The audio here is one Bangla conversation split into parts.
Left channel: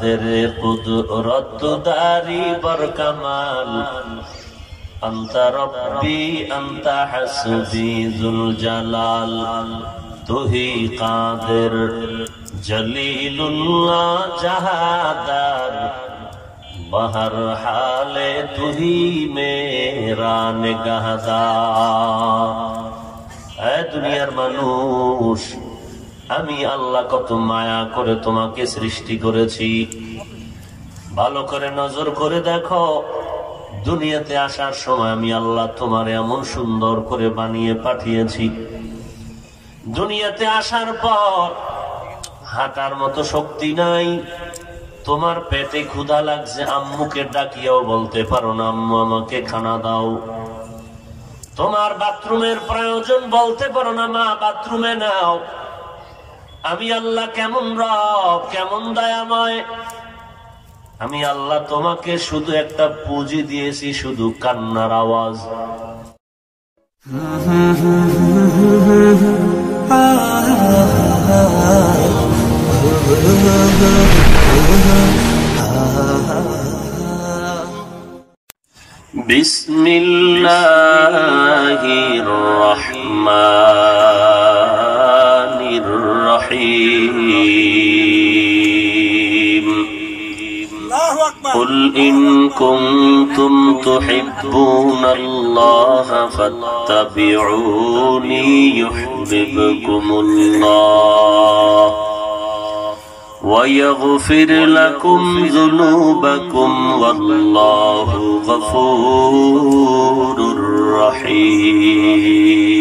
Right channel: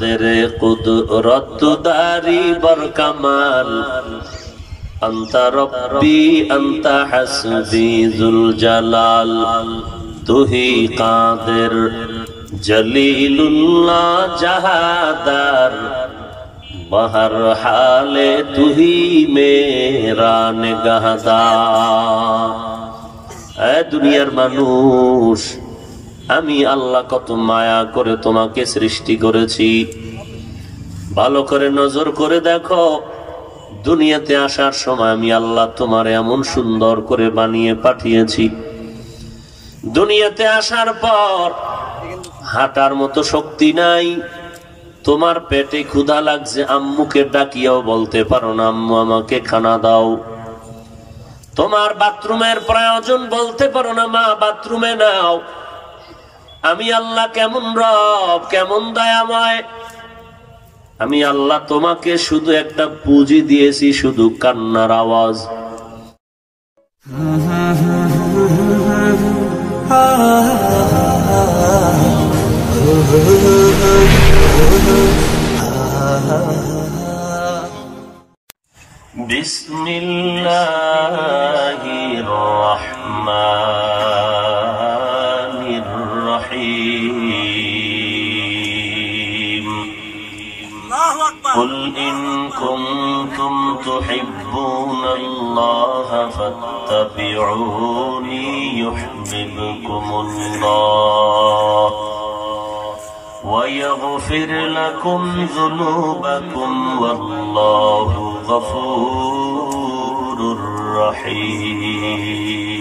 तेरे कुदरत दारी बरकमाल अंता रब्बी अंता हस्बी जुल जलाल तू ही कादिर जलीलुल्लाह जहादार बहर हाले तू ही मेरा निगाहदार। ऐ दुनियार मानुष আমি আল্লাহ কত মায়া করে তোমাকে সৃষ্টি করেছি। ভালো করে নজর করে দেখো, দুনিয়াতে আসার সময় আমি আল্লাহ তোমার এমন সুন্দর করে বানিয়ে পাঠিয়েছি। দুনিয়াতে আসার পর হাঁটার মতো শক্তি নাই, তোমার পেটে ক্ষুধা লাগছে, আম্মুকে ডাকিয়াও বলতে পারো না আম্মু আমাকে খানা দাও। তোমার বাথরুমের প্রয়োজন, বলতে পারো না মা বাথরুমে নাও। আমি আল্লাহ কেমন রব, কেমন দয়াময়। আমি আল্লাহ তোমাকে শুধু একটা পুঁজি দিয়েছি, শুধু কান্নার আওয়াজ। বিসমিল্লাহির রহমানির রহিম। قل إن كنتم تحبون الله فاتبعوني يحببكم الله ويغفر لكم ذنوبكم والله غفور رحيم.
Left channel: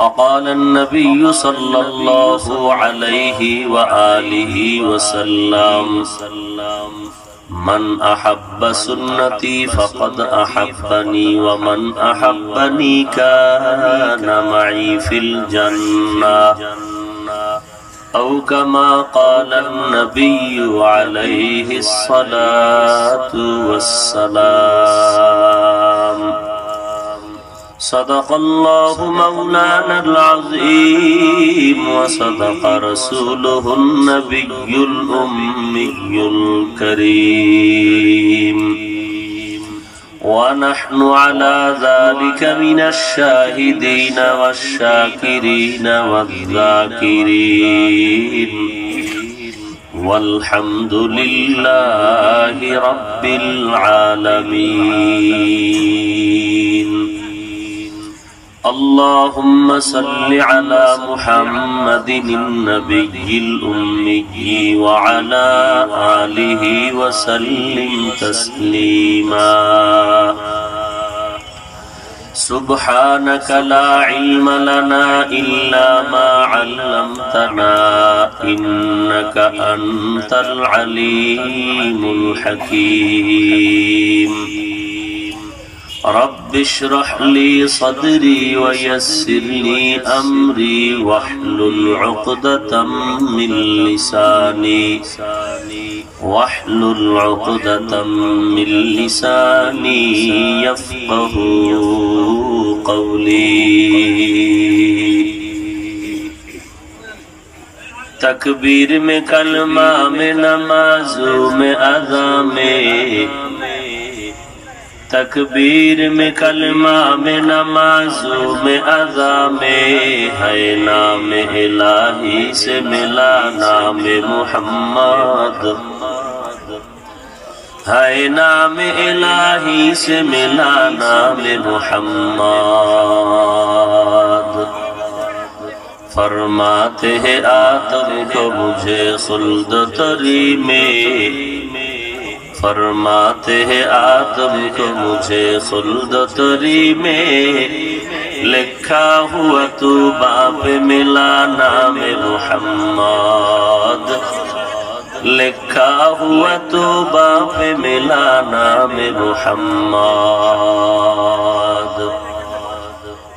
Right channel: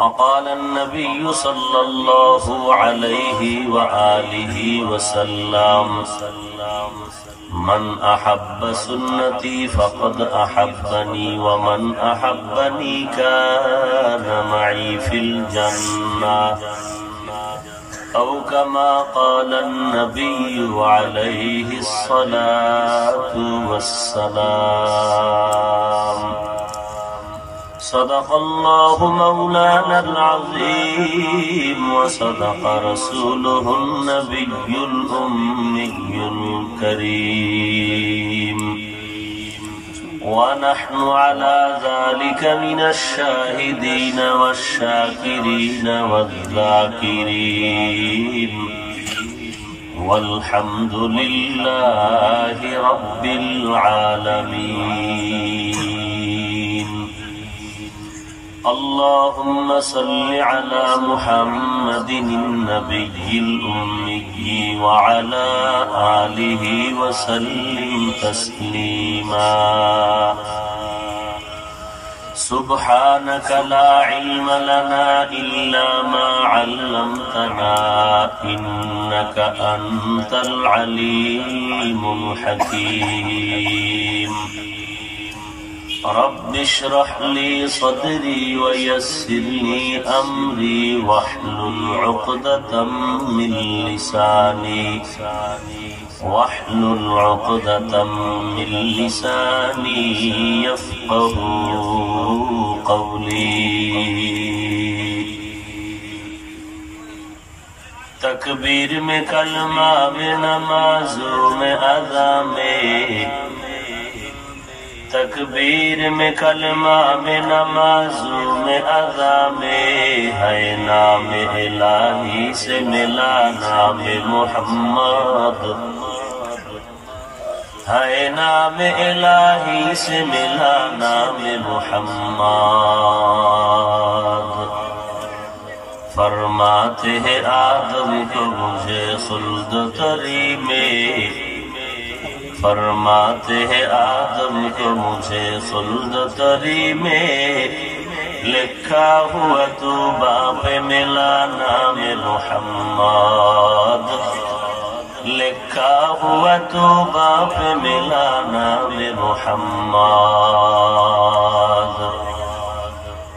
وقال النبي صلى الله عليه وآله وسلم من أحب سنتي فقد أحبني ومن أحبني كان معي في الجنة أو كما قال النبي عليه الصلاة والسلام. صدق الله مولانا العظيم وصدق رسوله النبي الأمي الكريم ونحن على ذلك من الشاهدين والشاكرين والذاكرين والحمد لله رب العالمين. اللهم صل على محمد النبي الأمي وعلى آله وسلم تسليما. سبحانك لا علم لنا إلا ما علمتنا إنك أنت العليم الحكيم. رب اشرح لي صدري ويسر لي أمري واحلل عقدة من لساني يفقه قولي. تکبیر میں کلمہ میں نمازوں میں اذا میں، تکبیر میں کلمہ میں نمازوں میں اذا میں ہے نام الہی سے ملا نام محمد، ہے نام الہی سے ملا نام محمد. فرماتے ہیں آدم کو مجھے خلد تری میں، فرماتے ہیں آدم کو مجھے خلد تری میں، لکھا ہوا تو باپ ملا نام محمد، لکھا ہوا تو باپ ملا نام محمد.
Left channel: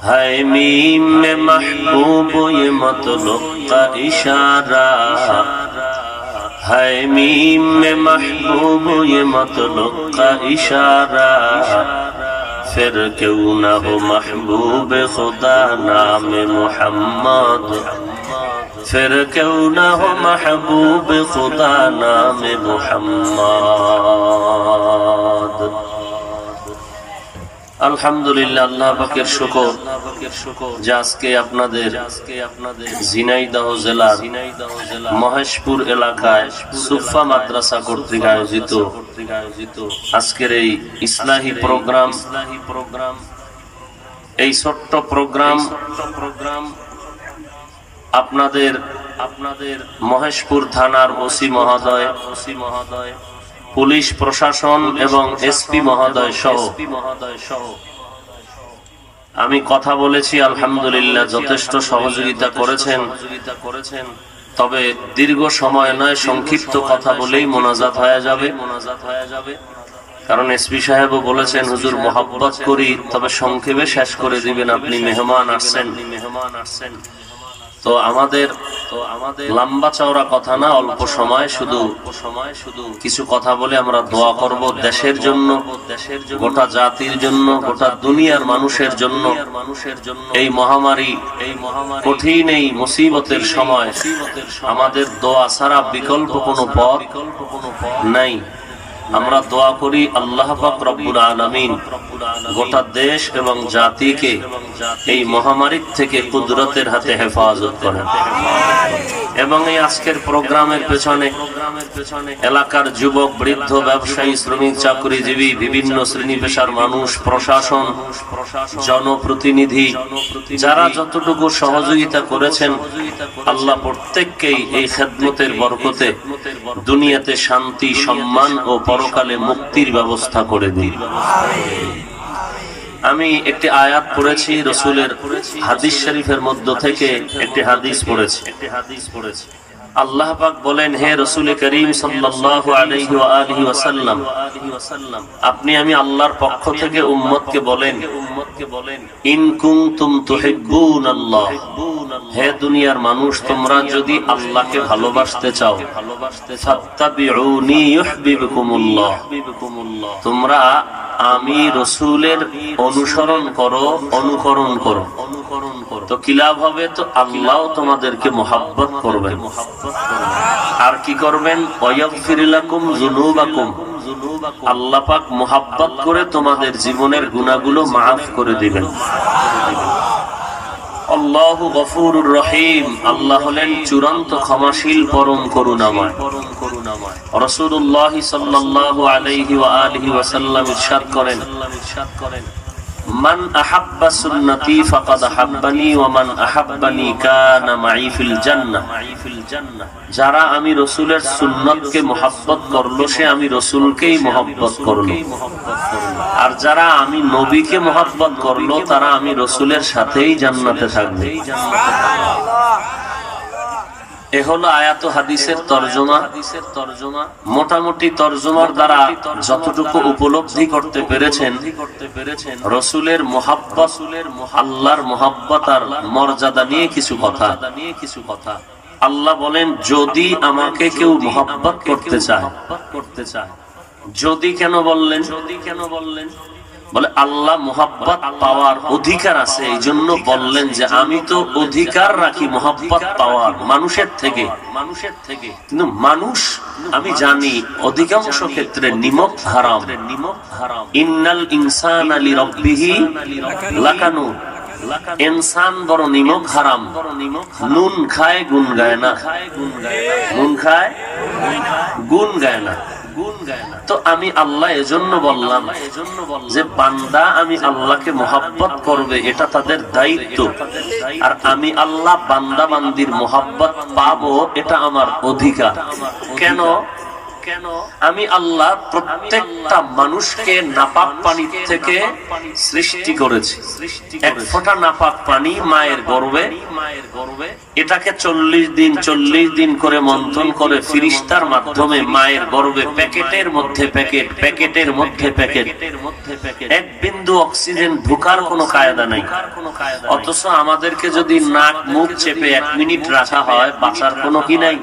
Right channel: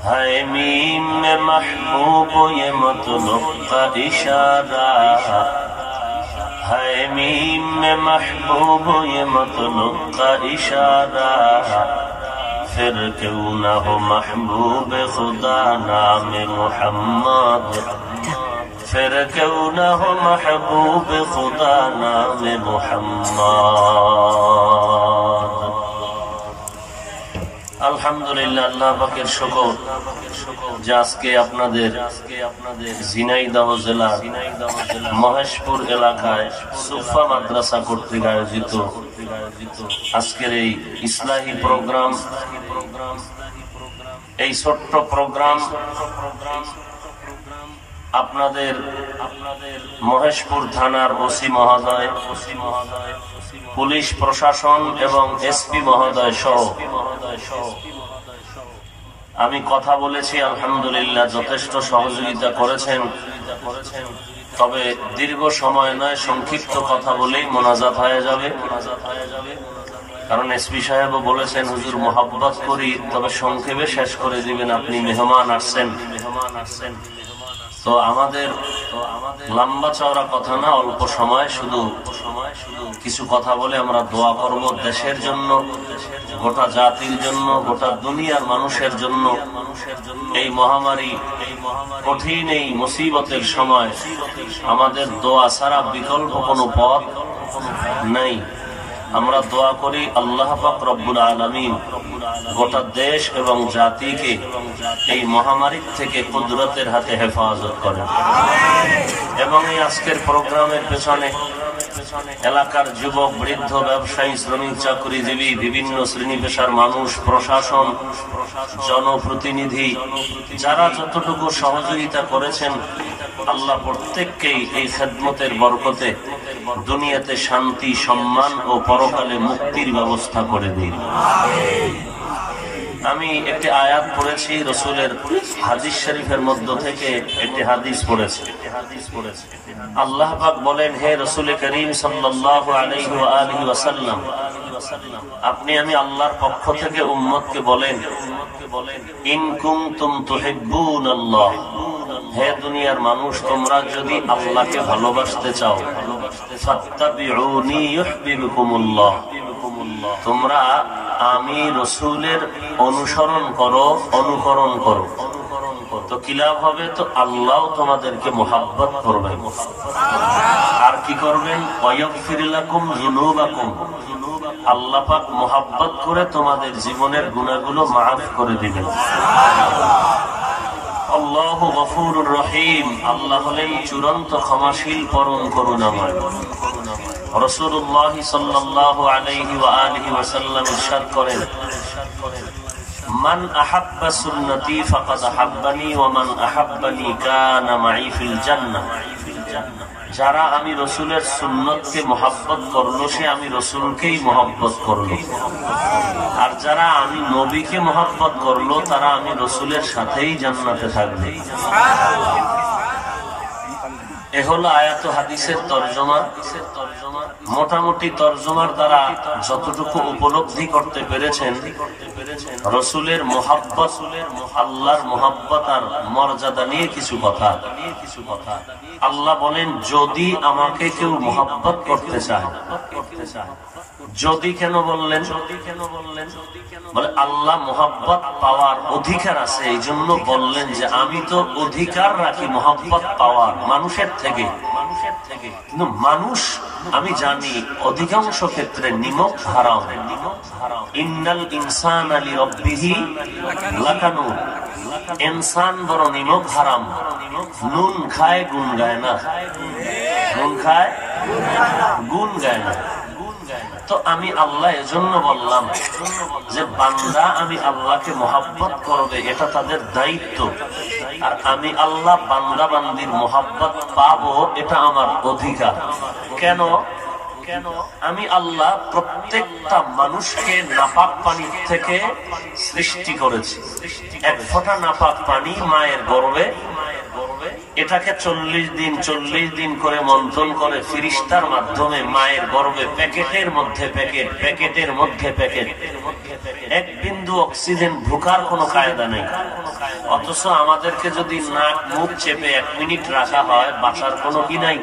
ہے میم میں محبوب یہ مطلب کا اشارہ، ہے میم میں محبوب یہ مطلب کا اشارہ، پھر کیوں نہ ہو محبوب خدا نام محمد، फिर क्यों न हो महबूब खुदा नाम मुहम्मद। আলহামদুলিল্লাহ, আল্লাহ পাকের শুকর যে আজকে আপনাদের ঝিনাইদহ জেলার মহেশপুর এলাকায় সুফা মাদ্রাসা কর্তৃক আয়োজিত আজকের এই ইসলাহি প্রোগ্রাম, এই ছোট্ট প্রোগ্রাম আপনাদের মহেশপুর থানার ওসি মহোদয়, পুলিশ প্রশাসন এবং এসপি মহোদয় সহ আমি কথা বলেছি। আলহামদুলিল্লাহ, যথেষ্ট সহযোগিতা করেছেন। তবে দীর্ঘ সময় নয়, সংক্ষিপ্ত কথা বলেই মোনাজাত হয়ে যাবে। কারণ এসপি সাহেবও বলেছেন, হুজুর মহব্বত করি, তবে সংক্ষেপে শেষ করে দিবেন, আপনি মেহমান আসছেন। তো আমাদের লম্বা চওড়া কথা না, অল্প সময় শুধু কিছু কথা বলে আমরা দোয়া করব দেশের জন্য, গোটা জাতির জন্য, গোটা দুনিয়ার মানুষের জন্য। এই মহামারী, কঠিন এই মুসিবতের সময় আমাদের দোয়া ছাড়া বিকল্প কোনো পথ নাই। আমরা দোয়া করি আল্লাহ পাক রব্বুল আলামিন গোটা দেশ এবং জাতিকে এই মহামারীর থেকে কুদরতের হাতে হেফাজত করেন। এবং এই আজকের প্রোগ্রামের পেছনে এলাকার যুবক, বৃদ্ধ, ব্যবসায়ী, শ্রমিক, চাকরিজীবী, বিভিন্ন শ্রেণী পেশার মানুষ, প্রশাসন, জনপ্রতিনিধি, যারা যতটুকু সহযোগিতা করেছেন, আল্লাহ প্রত্যেককেই এই খেদমতের বরকতে দুনিয়াতে শান্তি, সম্মান ও পরকালে মুক্তির ব্যবস্থা করে দিন। আমি একটি আয়াত পড়েছি, রসুলের হাদিস শরীফের মধ্য থেকে একটি হাদিস পড়েছি। আল্লাহ পাক বলেন, হে রসুল করিম সাল্লাল্লাহু আলাইহি ওয়া আলিহি ওয়াসাল্লাম, আপনি আমি আল্লাহর পক্ষ থেকে উম্মতকে বলেন, ইন কুনতুম তুহিব্বুনাল্লাহ, হে দুনিয়ার মানুষ, তোমরা যদি আল্লাহকে ভালোবাসতে চাও, ফাত্তাবিউনি ইউহিব্বুকুমুল্লাহ, তোমরা আমি রসুলের অনুসরণ করো, অনুকরণ করো। তো কি লাভ হবে? তো আল্লাহ তোমাদেরকে মুহাব্বত করবেন। আর কি করবেন? ওয়াগফির লাকুম যুনুবাকুম, আল্লাহ পাক মুহাব্বত করে তোমাদের জীবনের গুনাহগুলো মাফ করে দিবেন। আল্লাহু গফুরুর রহিম, আল্লাহ হলেন চূড়ান্ত ক্ষমাশীল, পরম করুণাময়। রাসূলুল্লাহ সাল্লাল্লাহু আলাইহি ওয়া আলিহি ওয়াসাল্লাম ইরশাদ করেন, মান আহাব্বা সুন্নতি ফাকাদ আহাব্বানি ওয়া মান আহাব্বানি কানা মাই ফিল জান্নাহ, যারা আমি রসুলের সুন্নতকে মুহাব্বত করলো, সে আমি রসুলকেই মুহাব্বত করলো। আর যারা আমি নবীকে মুহাব্বত করলো, তারা আমি রসুলের সাথেই জান্নাতে থাকবে। এ হলো আয়াত হাদিসের তরজমা। মোটামুটি তরজমার দ্বারা যতটুকু উপলব্ধি করতে পেরেছেন, রসুলের মুহাব্বত, আল্লাহর মুহাব্বত আর মর্যাদা নিয়ে কিছু কথা। আল্লাহ বলেন, যদি আমাকে কেউ মুহাব্বত করতে চায়, যদি কেন বললেন? বলে আল্লাহ মুহাব্বত পাওয়ার অধিকার আছে, এই জন্য বললেন যে আমি তো অধিকার রাখি মুহাব্বত পাওয়ার মানুষের থেকে। কিন্তু মানুষ, আমি জানি অধিকাংশ ক্ষেত্রে নিমক হারাম। ইন্নাল ইনসানা লিরাব্বিহি লাকানুন, ইনসান বড় নিমক হারাম। নুন খায় গুণ গায় না, নুন খায় গুণ গায় না। তো আমি আল্লাহ এজন্য বললাম যে বান্দা আমি আল্লাহকে মুহাব্বত করবে, এটা তাদের দায়িত্ব। আর আমি আল্লাহ বান্দা বান্দির মুহাব্বত পাবো, এটা আমার অধিকার। কেন? আমি আল্লাহ প্রত্যেকটা মানুষকে নাপাক পানি থেকে সৃষ্টি করেছি। এক ফোঁটা নাপাক পানি মায়ের গর্ভে, এটাকে 40 দিন করে মন্থন করে ফিরিস্তার মাধ্যমে মায়ের গর্ভে প্যাকেটের মধ্যে প্যাকেট, প্যাকেটের মধ্যে প্যাকেট, এক বিন্দু অক্সিজেন ঢোকার কোনো কায়দা নেই। অথচ আমাদেরকে যদি নাক মুখ চেপে 1 মিনিট রাখা হয়, বাঁচার কোনো কি নাই,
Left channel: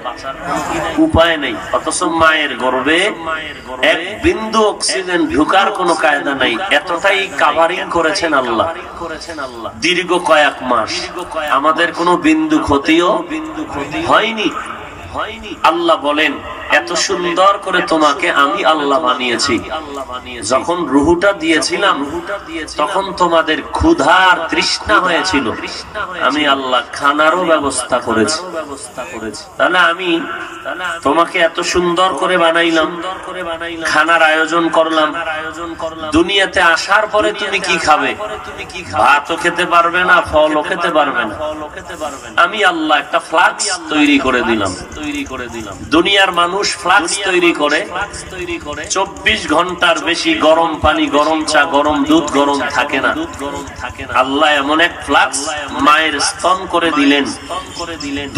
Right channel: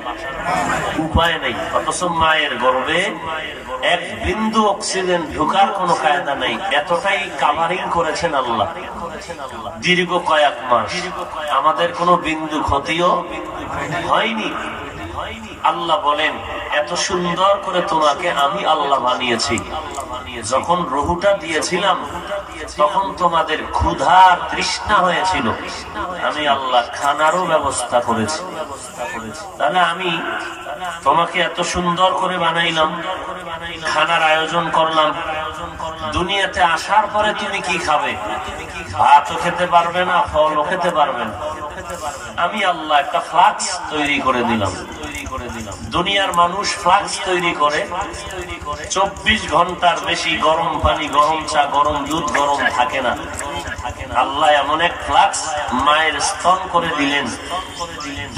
উপায় নেই। অথচ মায়ের মায়ের গর্ভে এক বিন্দু অক্সিজেন ঢুকার কোনো কায়দা নাই, এতটাই কাভারিং করেছেন আল্লাহ দীর্ঘ কয়েক মাস। আমাদের কোনো বিন্দু ক্ষতিও হয়নি। আল্লাহ বলেন এত সুন্দর করে তোমাকে আমি আল্লাহ বানিয়েছি। যখন রুহুটা দিয়েছিলাম তখন তোমাদের ক্ষুধার তৃষ্ণা হয়েছিল, আমি আল্লাহ খানারও ব্যবস্থা করেছি। তাহলে আমি তোমাকে এত সুন্দর করে বানাইলাম, খানার আয়োজন করলাম। দুনিয়াতে আসার পরে তুমি কি খাবে? ভাতও খেতে পারবে না, ফলও খেতে পারবে না। আমি আল্লাহ একটা ফ্লাক্স তৈরি করে দিলাম। দুনিয়ার মানুষ ফ্লাক্স তৈরি করে 24 ঘন্টার বেশি গরম পানি, গরম চা, গরম দুধ গরম থাকে না। আল্লাহ এমন এক ফ্লাক্স মায়ের স্তন করে দিলেন,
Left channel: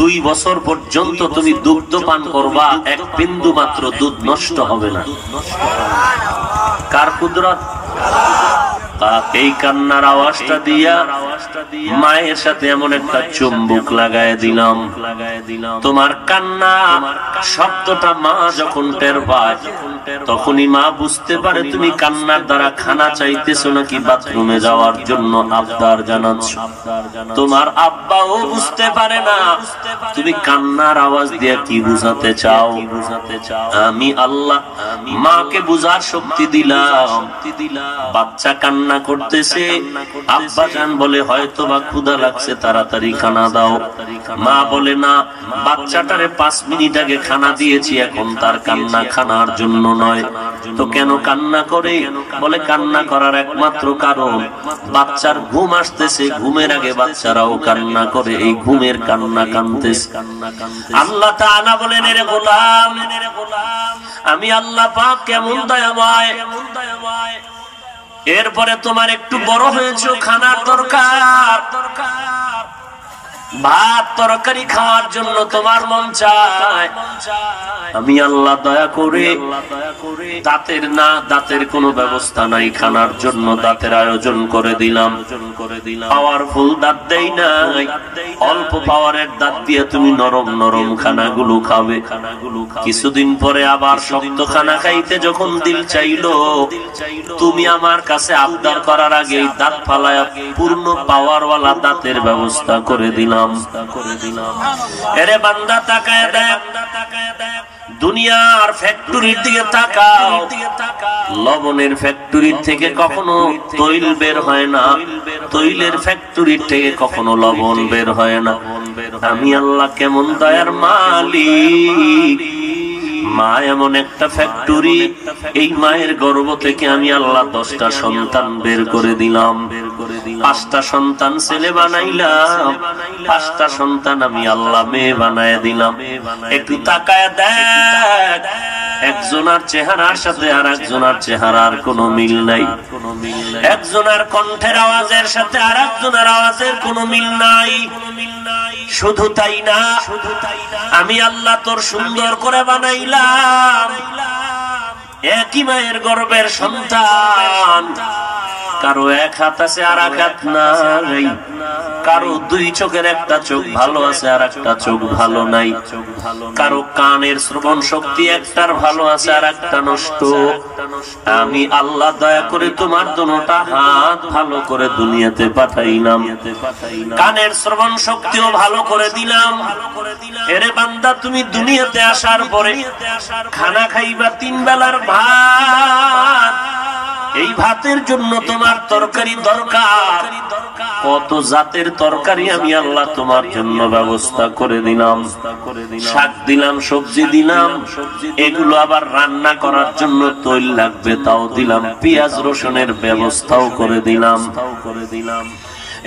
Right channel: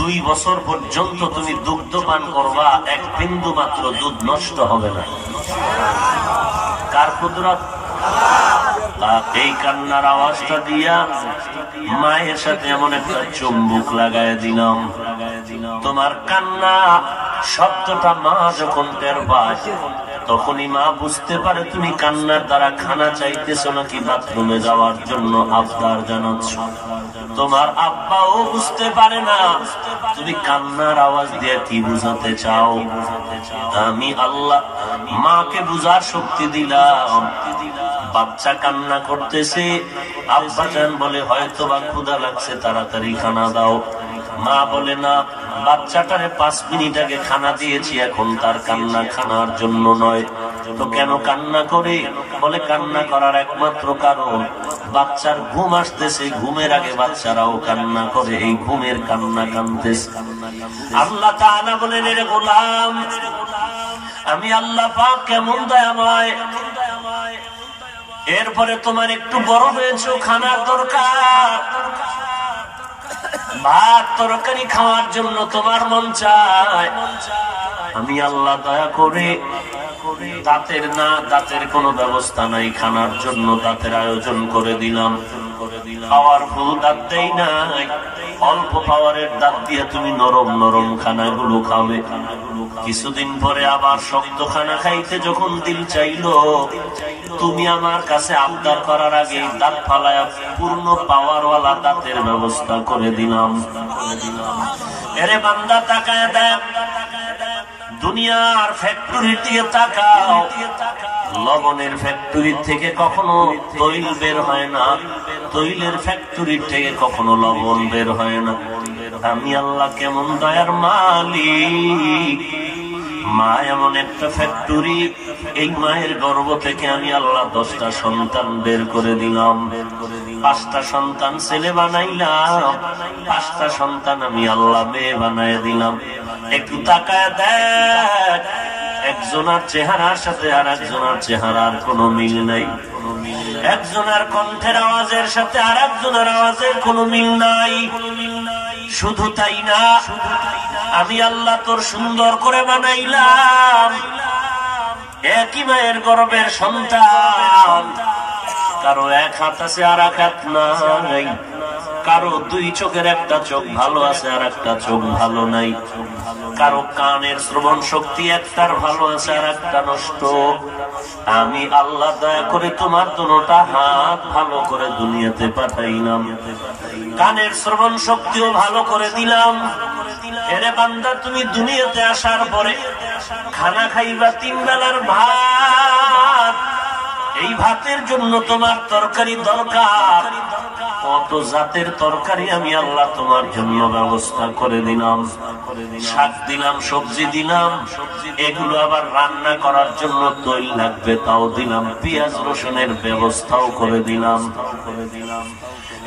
2 বছর পর্যন্ত তুমি দুগ্ধ পান করবা, এক বিন্দু মাত্র দুধ নষ্ট হবে না। কার কুদরত? এই কান্নার আওয়াজটা দিয়া মায়ের সাথে এমন একটা চুম্বুক লাগায় দিলাম। তোমার কান্না শব্দটা মা যখন টের পায় তখনই মা বুঝতে পারে তুমি কান্নার দ্বারা খানা চাইতেছো নাকি বাথরুমে যাওয়ার জন্য আবদার জানাচ্ছ। তোমার আব্বাও বুঝতে পারে না তুমি কান্নার আওয়াজ দিয়ে কি বুঝাতে চাও। আমি আল্লাহ মাকে বুঝার শক্তি দিলাম। বাচ্চা কান্না করতেছে, আব্বা জান বলে হয়তো বা ক্ষুধা লাগছে, তাড়াতাড়ি খানা দাও। মা বলে না, বাচ্চাটারে 5 মিনিট আগে খানা দিয়েছি, এখন তার কান্না খানার জন্য নয়। তো কেন কান্না করে? বলে কান্না করার একমাত্র কারণ বাচ্চার ঘুম আসতেছে, ঘুমের আগে বাচ্চারাও কান্না করে, এই ঘুমের কান্না কানতেছে। আল্লাহ তাআলা বলেন এরে গোলাম, আমি আল্লাহ পাক কেমন দয়াময়। এরপরে তোমার একটু বড় হয়েছো, খানার দরকার, ভাত তরকারি খাওয়ার জন্য তোমার মন চায়। আমি আল্লাহ দয়া করে দাঁতের কোনো ব্যবস্থা নাই, খানার জন্য দাঁতের আয়োজন করে দিলাম। পাওয়ারফুল দাঁত দেই নাই, অল্প পাওয়ারের দাঁত দিয়ে তুমি নরম নরম খানাগুলো খাবে। কিছুদিন পরে আবার শক্ত খানা খাইতে যখন দিল চাইলো, তুমি আমার কাছে আবদার করার আগে দাঁত ফালায় পূর্ণ পাওয়ারওয়ালা দাঁতের ব্যবস্থা করে দিলাম। এরে বান্দা তাকায় দেখ, দুনিয়ার ফ্যাক্টরির দিকে তাকাও। লবণের ফ্যাক্টরির থেকে কখনো তৈল বের হয় না, তৈলের ফ্যাক্টরির থেকে কখনো লবণ বের হয় না। আমি আল্লাহ কেমন দয়ার মালিক। মা এমন একটা ফ্যাক্টরি, এই মায়ের গর্ভ থেকে আমি আল্লাহ 10টা সন্তান বের করে দিলাম। 5টা সন্তান ছেলে বানাইলাম, 5টা সন্তান আমি আল্লাহ মেয়ে বানায় দিলাম। একটু তাকায় দেখ, একজনের চেহারার সাথে আর একজনের চেহারার কোনো মিল নাই, একজনের কণ্ঠের আওয়াজের সাথে আর একজনের আওয়াজের কোনো মিল নাই। শুধু তাই না, আমি আল্লাহ তোর সুন্দর করে বানাইলাম। একই মায়ের গর্ভের সন্তান, কারো এক হাত আছে আর এক হাত নাই, কারো 2 চোখের একটা চোখ ভালো আছে আর একটা চোখ ভালো নাই, কারো কানের শ্রবণ শক্তি একটার ভালো আছে আর একটা নষ্ট। আমি আল্লাহ দয়া করে তোমার দুটোটা হাত ভালো করে দুনিয়াতে পাঠাইলাম, কানের শ্রবণ শক্তিও ভালো করে দিলাম। এরে বান্দা, তুমি দুনিয়াতে আসার পরে খানা খাইবা 3 বেলার ভাত। এই ভাতের জন্য তোমার তরকারি দরকার, কত জাতের তরকারি আমি আল্লাহ তোমার জন্য ব্যবস্থা করে দিলাম। শাক দিলাম, সবজি দিলাম, এগুলো আবার রান্না করার জন্য তৈল লাগবে তাও দিলাম, পেঁয়াজ রসুনের ব্যবস্থাও করে দিলাম।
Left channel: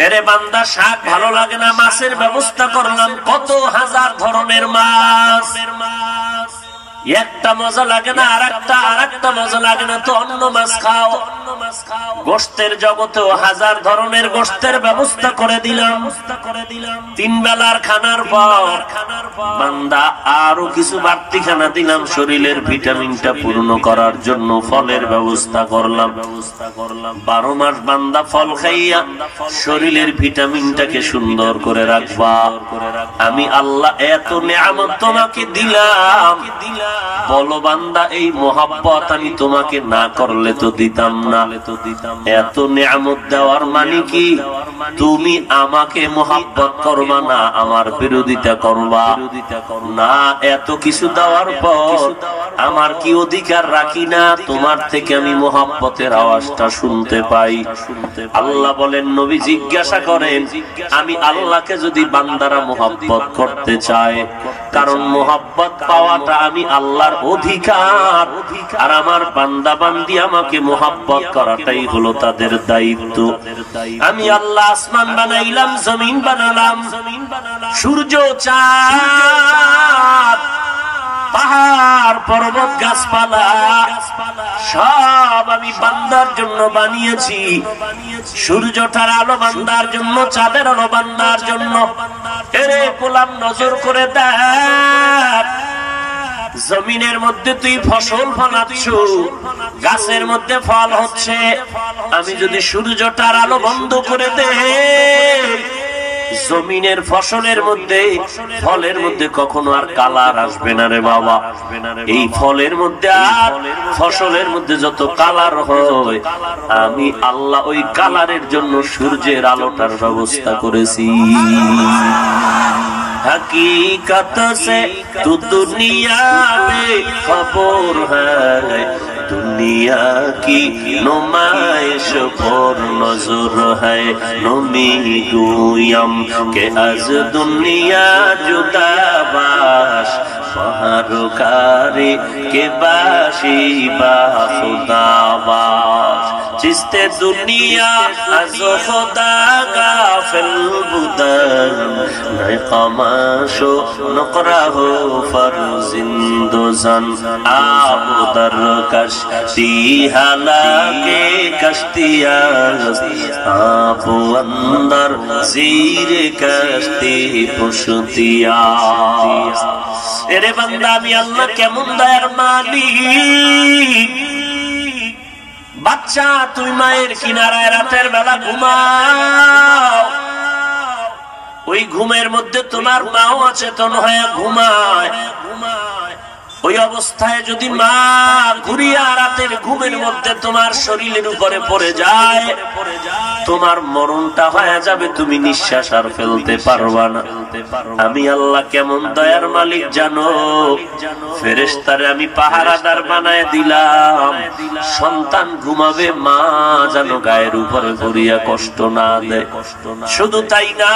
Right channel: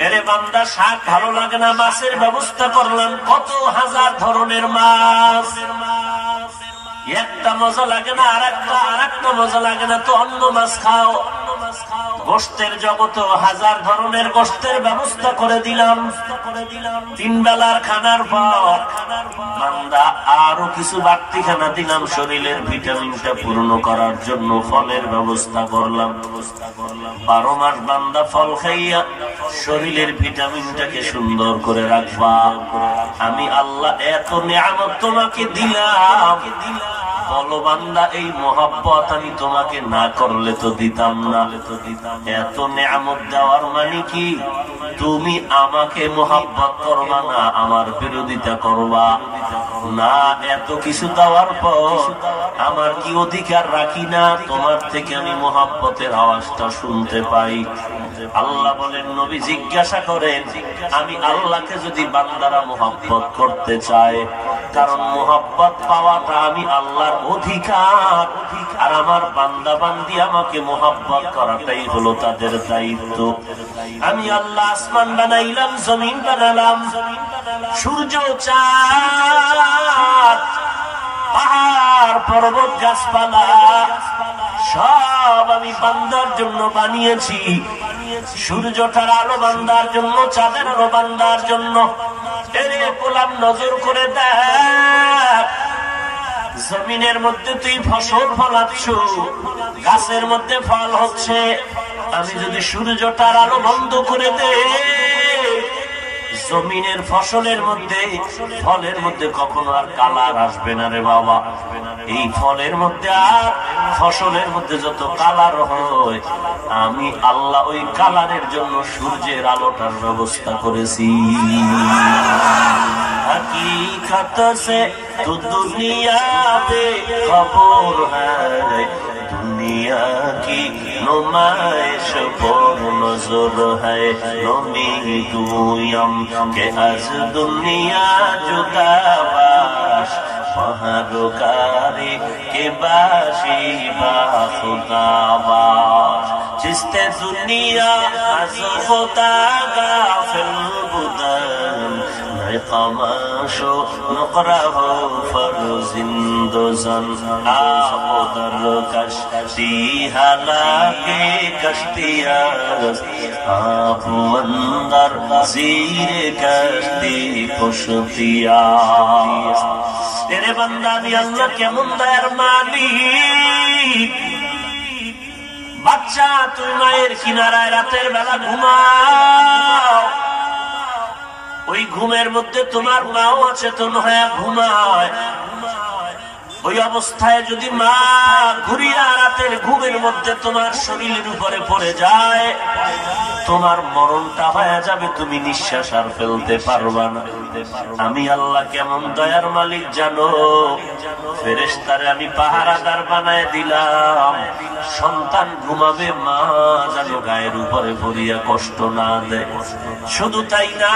এরে বান্দা, শাক ভালো লাগে না, মাছের ব্যবস্থা করলাম, কত হাজার ধরনের মাছ। একটা মজা লাগে না, আরেকটা মজা লাগে না, তো অন্য মাছ খাও। গোশতের জগতেও হাজার ধরনের গোশতের ব্যবস্থা করে দিলাম। 3 বেলার খানার পর বান্দা আরো কিছু বাড়তি খানা দিলাম, শরীরের ভিটামিনটা পূর্ণ করার জন্য ফলের ব্যবস্থা করলাম। 12 মাস বান্দা ফল খাইয়া শরীরের ভিটামিনটাকে সুন্দর করে রাখবা। আমি আল্লাহ এত নিয়ামত তোমাকে দিলাম, বলো বান্দা এই মোহাব্বত আমি তোমাকে না করলে তো দিতাম না। এত নিয়ামত দেওয়ার মানে কি তুমি আমাকে মোহাব্বত করবা না, আমার বিরোধিতা করবা না? এত কিছু দেওয়ার পর আমার কি অধিকার রাখি না তোমার থেকে আমি মোহাব্বতের আওয়াজটা শুনতে পাই? আল্লাহ বলেন, নবী জিজ্ঞাসা করেন, আমি আল্লাহকে যদি বান্দারা মোহাব্বত করতে চায়, কারণ মোহাব্বত পাওয়াটা আমি আল্লাহর অধিকার, আর আমার বান্দা বান্দি আমাকে মোহাব্বত করাটাই হলো তাদের দায়িত্ব। আমি আল্লাহ আসমান বানাইলাম, জমিন বানালাম, সূর্য, চাঁদ, পাহাড়, পর্বত, গাছপালা সব আমি বান্দার জন্য বানিয়েছি। সূর্যটার আলো বান্দার জন্য, চাঁদের আলো বান্দার জন্য। এরে গোলাম নজর করে দেখ, জমিনের মধ্যে তুই ফসল ফলাচ্ছ, গাছের মধ্যে ফল হচ্ছে। আমি যদি সূর্যটার আলো বন্ধ করে দেই, জমিনের ফসলের মধ্যে, ফলের মধ্যে কখনো আর কালার আসবে না রে বাবা। এই ফলের মধ্যে আর ফসলের মধ্যে যত কালার হয়, আমি আল্লাহ ওই কালারের জন্য সূর্যের আলোটার ব্যবস্থা করেছি। हकीकत से तू दुनिया में खबर है, दुनिया की नुमाइश पर नजर है। नमी गुयम के आज दुनिया जुदा बाश, बहारकारी के बाशी बा खुदा बाश। जिसते दुनिया आज खुदा गाफिल बुदम, नक़माशो नक़राहो फरजिंदोज़न। आप दर कश्ती हालाके कश्तियाँ, आप अंदर ज़ीरे कश्ती पुश्तियाँ। এরে বান্দা, আমি আল্লাহ কেমন দয়ার মালিক। বাচ্চা, তুই মায়ের কিনারায় রাতের বেলা ঘুমাও, ওই ঘুমের মধ্যে তোমার মাও অচেতন হয়ে ঘুমায়। ওই অবস্থায় যদি মা ঘুরিয়া রাতের ঘুমের মধ্যে তোমার শরীরের উপরে পড়ে যায়, তোমার মরণটা হয়ে যাবে, তুমি নিঃশ্বাস আর ফেলতে পারবা না। আমি আল্লাহ কেমন দয়ার মালিক জানো? ফেরেশতারে আমি পাহারাদার বানায় দিলাম, সন্তান ঘুমাবে, মা যেন গায়ের উপরে ঘুরিয়া কষ্ট না দেয়। শুধু তাই না,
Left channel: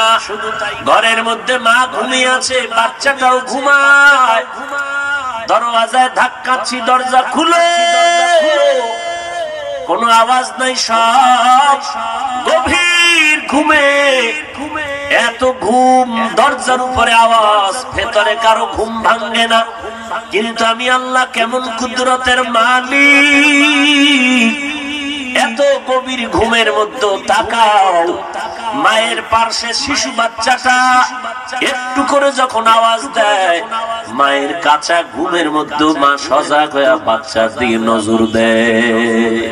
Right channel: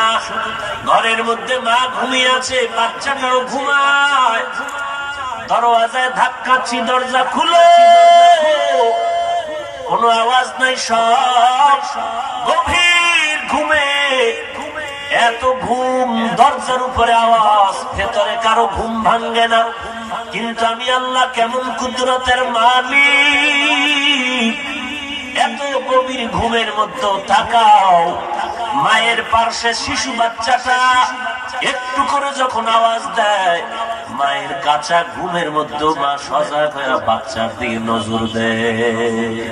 ঘরের মধ্যে মা ঘুমিয়ে আছে, বাচ্চাটাও ঘুমায়। দরওয়াজায় ধাক্কাচ্ছি, দরজা খুলে, কোনো আওয়াজ নাই, সব গভীর ঘুমে। এত ঘুম, দরজার উপরে আওয়াজ, ভেতরে কারো ঘুম ভাঙ্গে না। কিন্তু আমি আল্লাহ কেমন কুদরতের মালিক। এত গভীর ঘুমের মধ্যে তাকাও, মায়ের পার্শ্বে শিশু বাচ্চাটা একটু করে যখন আওয়াজ দেয়, মায়ের কাঁচা ঘুমের মধ্যে মা সজাগ হয়ে বাচ্চার দিকে নজর দেয়।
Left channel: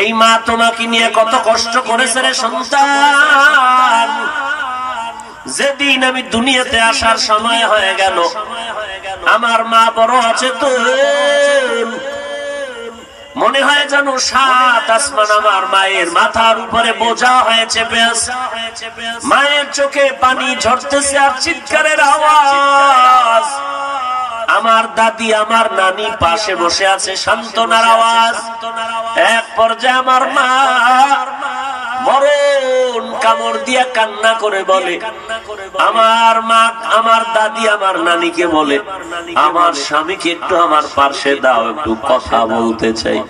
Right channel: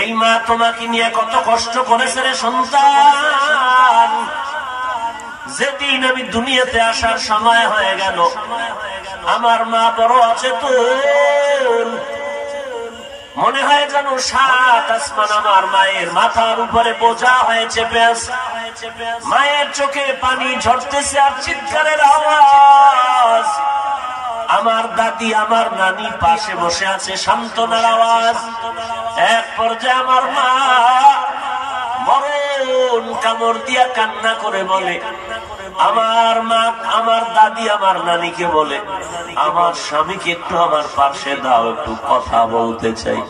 এই মা তোমাকে নিয়ে কত কষ্ট করেছে রে সন্তান। যেদিন আমি দুনিয়াতে আসার সময় হয়ে গেল, আমার মা বড় অচেতন, মনে হয় যেন 7 আসমান আমার মায়ের মাথার উপরে বোঝা হয়েছে। মায়ের চোখে পানি ঝরতেছে আর চিৎকারের আওয়াজ। আমার দাদি, আমার নানি পাশে বসে আছে, সান্ত্বনার আওয়াজ। এক পর্যায়ে আমার মা মরণ কামড় দিয়া কান্না করে বলে, আমার মা, আমার দাদি, আমার নানিকে বলে, আমার স্বামীকে একটু আমার পাশে দাও, একটু কথা বলতে চাই।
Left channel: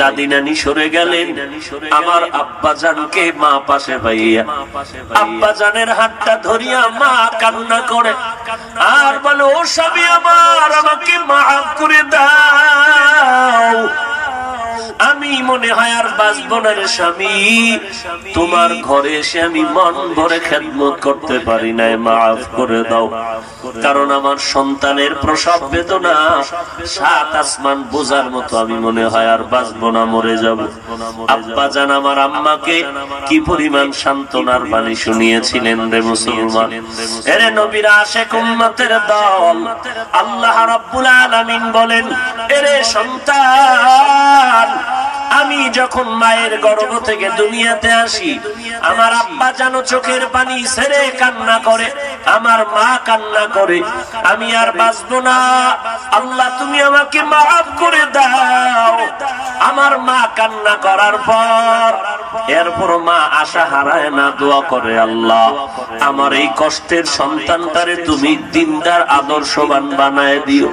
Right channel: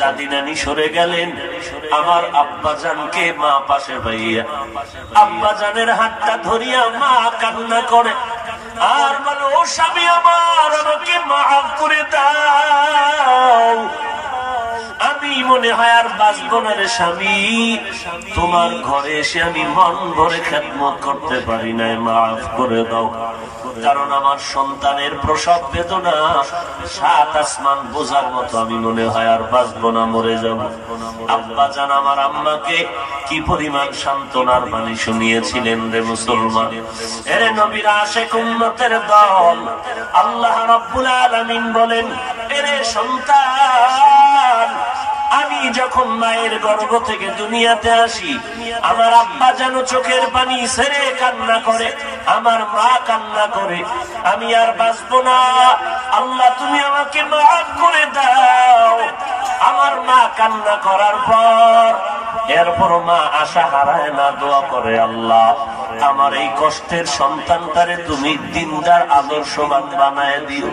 দাদি নানি সরে গেলেন, আমার আব্বা জানকে মা পাশে পাইয়া আব্বা জানের হাতটা ধরিয়া মা কান্না করে আর বলে, ও স্বামী আমার, আমাকে মাফ করে দাও। আমি মনে হয় আর বাঁচব না রে স্বামী, তোমার ঘরে এসে আমি মন ভরে খেদমত করতে পারি নাই, মাফ করে দাও। কারণ আমার সন্তানের প্রসব বেদনা সাত আসমান বোঝার মতো, আমি মনে হয় আর বাঁচব না, মরে যাব। আব্বা জান আমার আম্মাকে কি পরিমাণ সান্ত্বনার বাণী শুনিয়েছিলেন রে মুসলমান। এরে নবীর আশিক উম্মতের দল, আল্লাহ রাব্বুল আলামিন বলেন, এরে সন্তান, আমি যখন মায়ের গর্ভ থেকে দুনিয়াতে আসি, আমার আব্বা যেন চোখের পানি ছেড়ে কান্না করে, আমার মা কান্না করে, আমি আর বাঁচব না, আল্লাহ তুমি আমাকে মাফ করে দাও। আমার মা কান্না করার পর এরপর মা আশা হারায় না, দোয়া করে, আল্লাহ আমার এই কষ্টের সন্তানটারে তুমি দিনদার আদর্শবান বানায় দিও।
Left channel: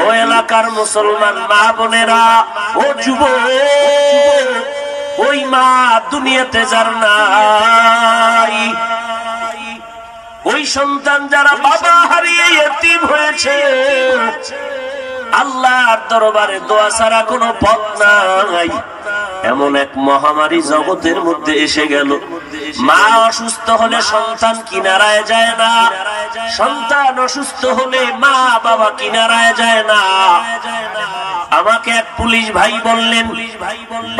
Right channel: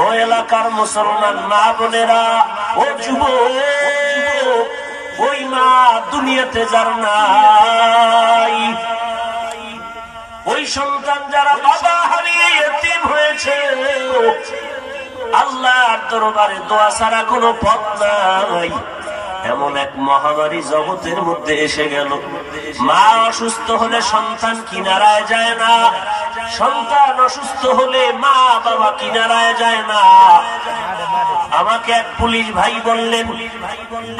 ও এলাকার মুসলমান মা বোনেরা, ও যুবক, ওই মা দুনিয়াতে যার নাই, ওই সন্তান যারা বাবা হারিয়ে ইতিম হয়েছে, আল্লাহর দরবারে দোয়া ছাড়া কোনো পথ নাই। এমন এক মহামারী জগতের মধ্যে এসে গেল, মা অসুস্থ হলে সন্তান কিনারায় যায় না, সন্তান অসুস্থ হলে মা বাবা কিনারায় যায় না। আমাকে এক পুলিশ ভাই বললেন,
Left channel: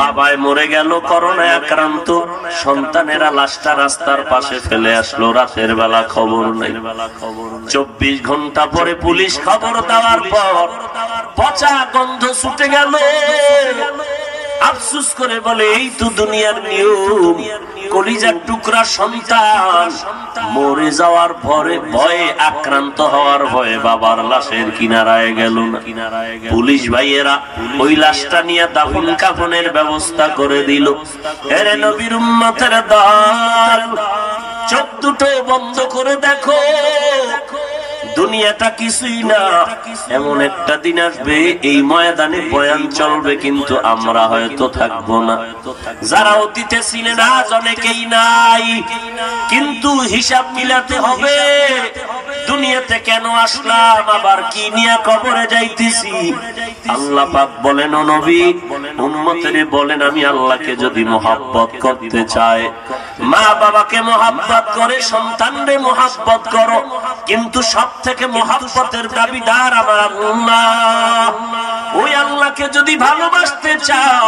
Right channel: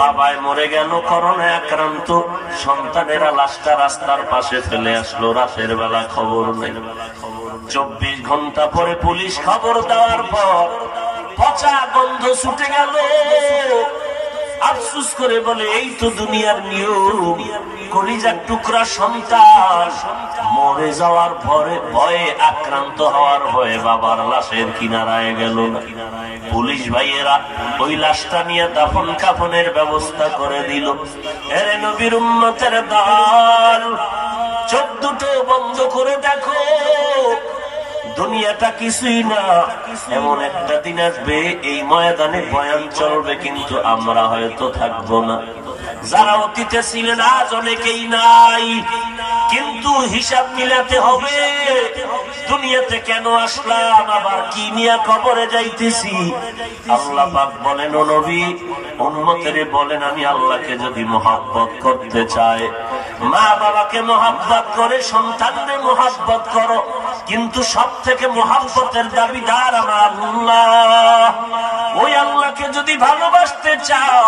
বাবায় মরে গেল করোনায় আক্রান্ত, সন্তানেরা লাশটা রাস্তার পাশে ফেলে আসলো, রাতের বেলা খবর নেই। 24 ঘন্টা পরে পুলিশ খবর দেওয়ার পর পচা গন্ধ ছুটে গেল। আফসোস করে বলে, এই তো দুনিয়ার নিয়ম, কলিজার টুকরা সন্তান মরে যাওয়ার পরে ভয়ে, আক্রান্ত হওয়ার ভয়ে বাবার লাশের কিনারায় গেল না। পুলিশ ভাইয়েরা ওই লাশটা নিয়ে দাফন কাফনের ব্যবস্থা করে দিল। এরে নবীর উম্মতের দল, চোখ দুটো বন্ধ করে দেখো, দুনিয়াটা কিছুই না, এমন একটা দিন আসবে এই ময়দানে বয়ান চলবে, কিন্তু আমরা হয়তো থাকবো না। যারা অতীতে ছিলেন আজ অনেকেই নাই, কিন্তু হিসাব মিলাতে হবে, দুনিয়াতে কেন আসলাম, আবার কি নিয়ে কবরে যাইতেছি। আল্লাহ পাক বলেন, ও নবী উম্মতের বলেন, আমি আল্লাহকে যদি মহব্বত করতে চাই, মা বাবাকে মহব্বত করে, সন্তানরে মহব্বত করো, কিন্তু সব থেকে মহব্বতের দাবিদার আমার আল্লাহ। ওই আল্লাহকে যদি ভালোবাসতে চাও,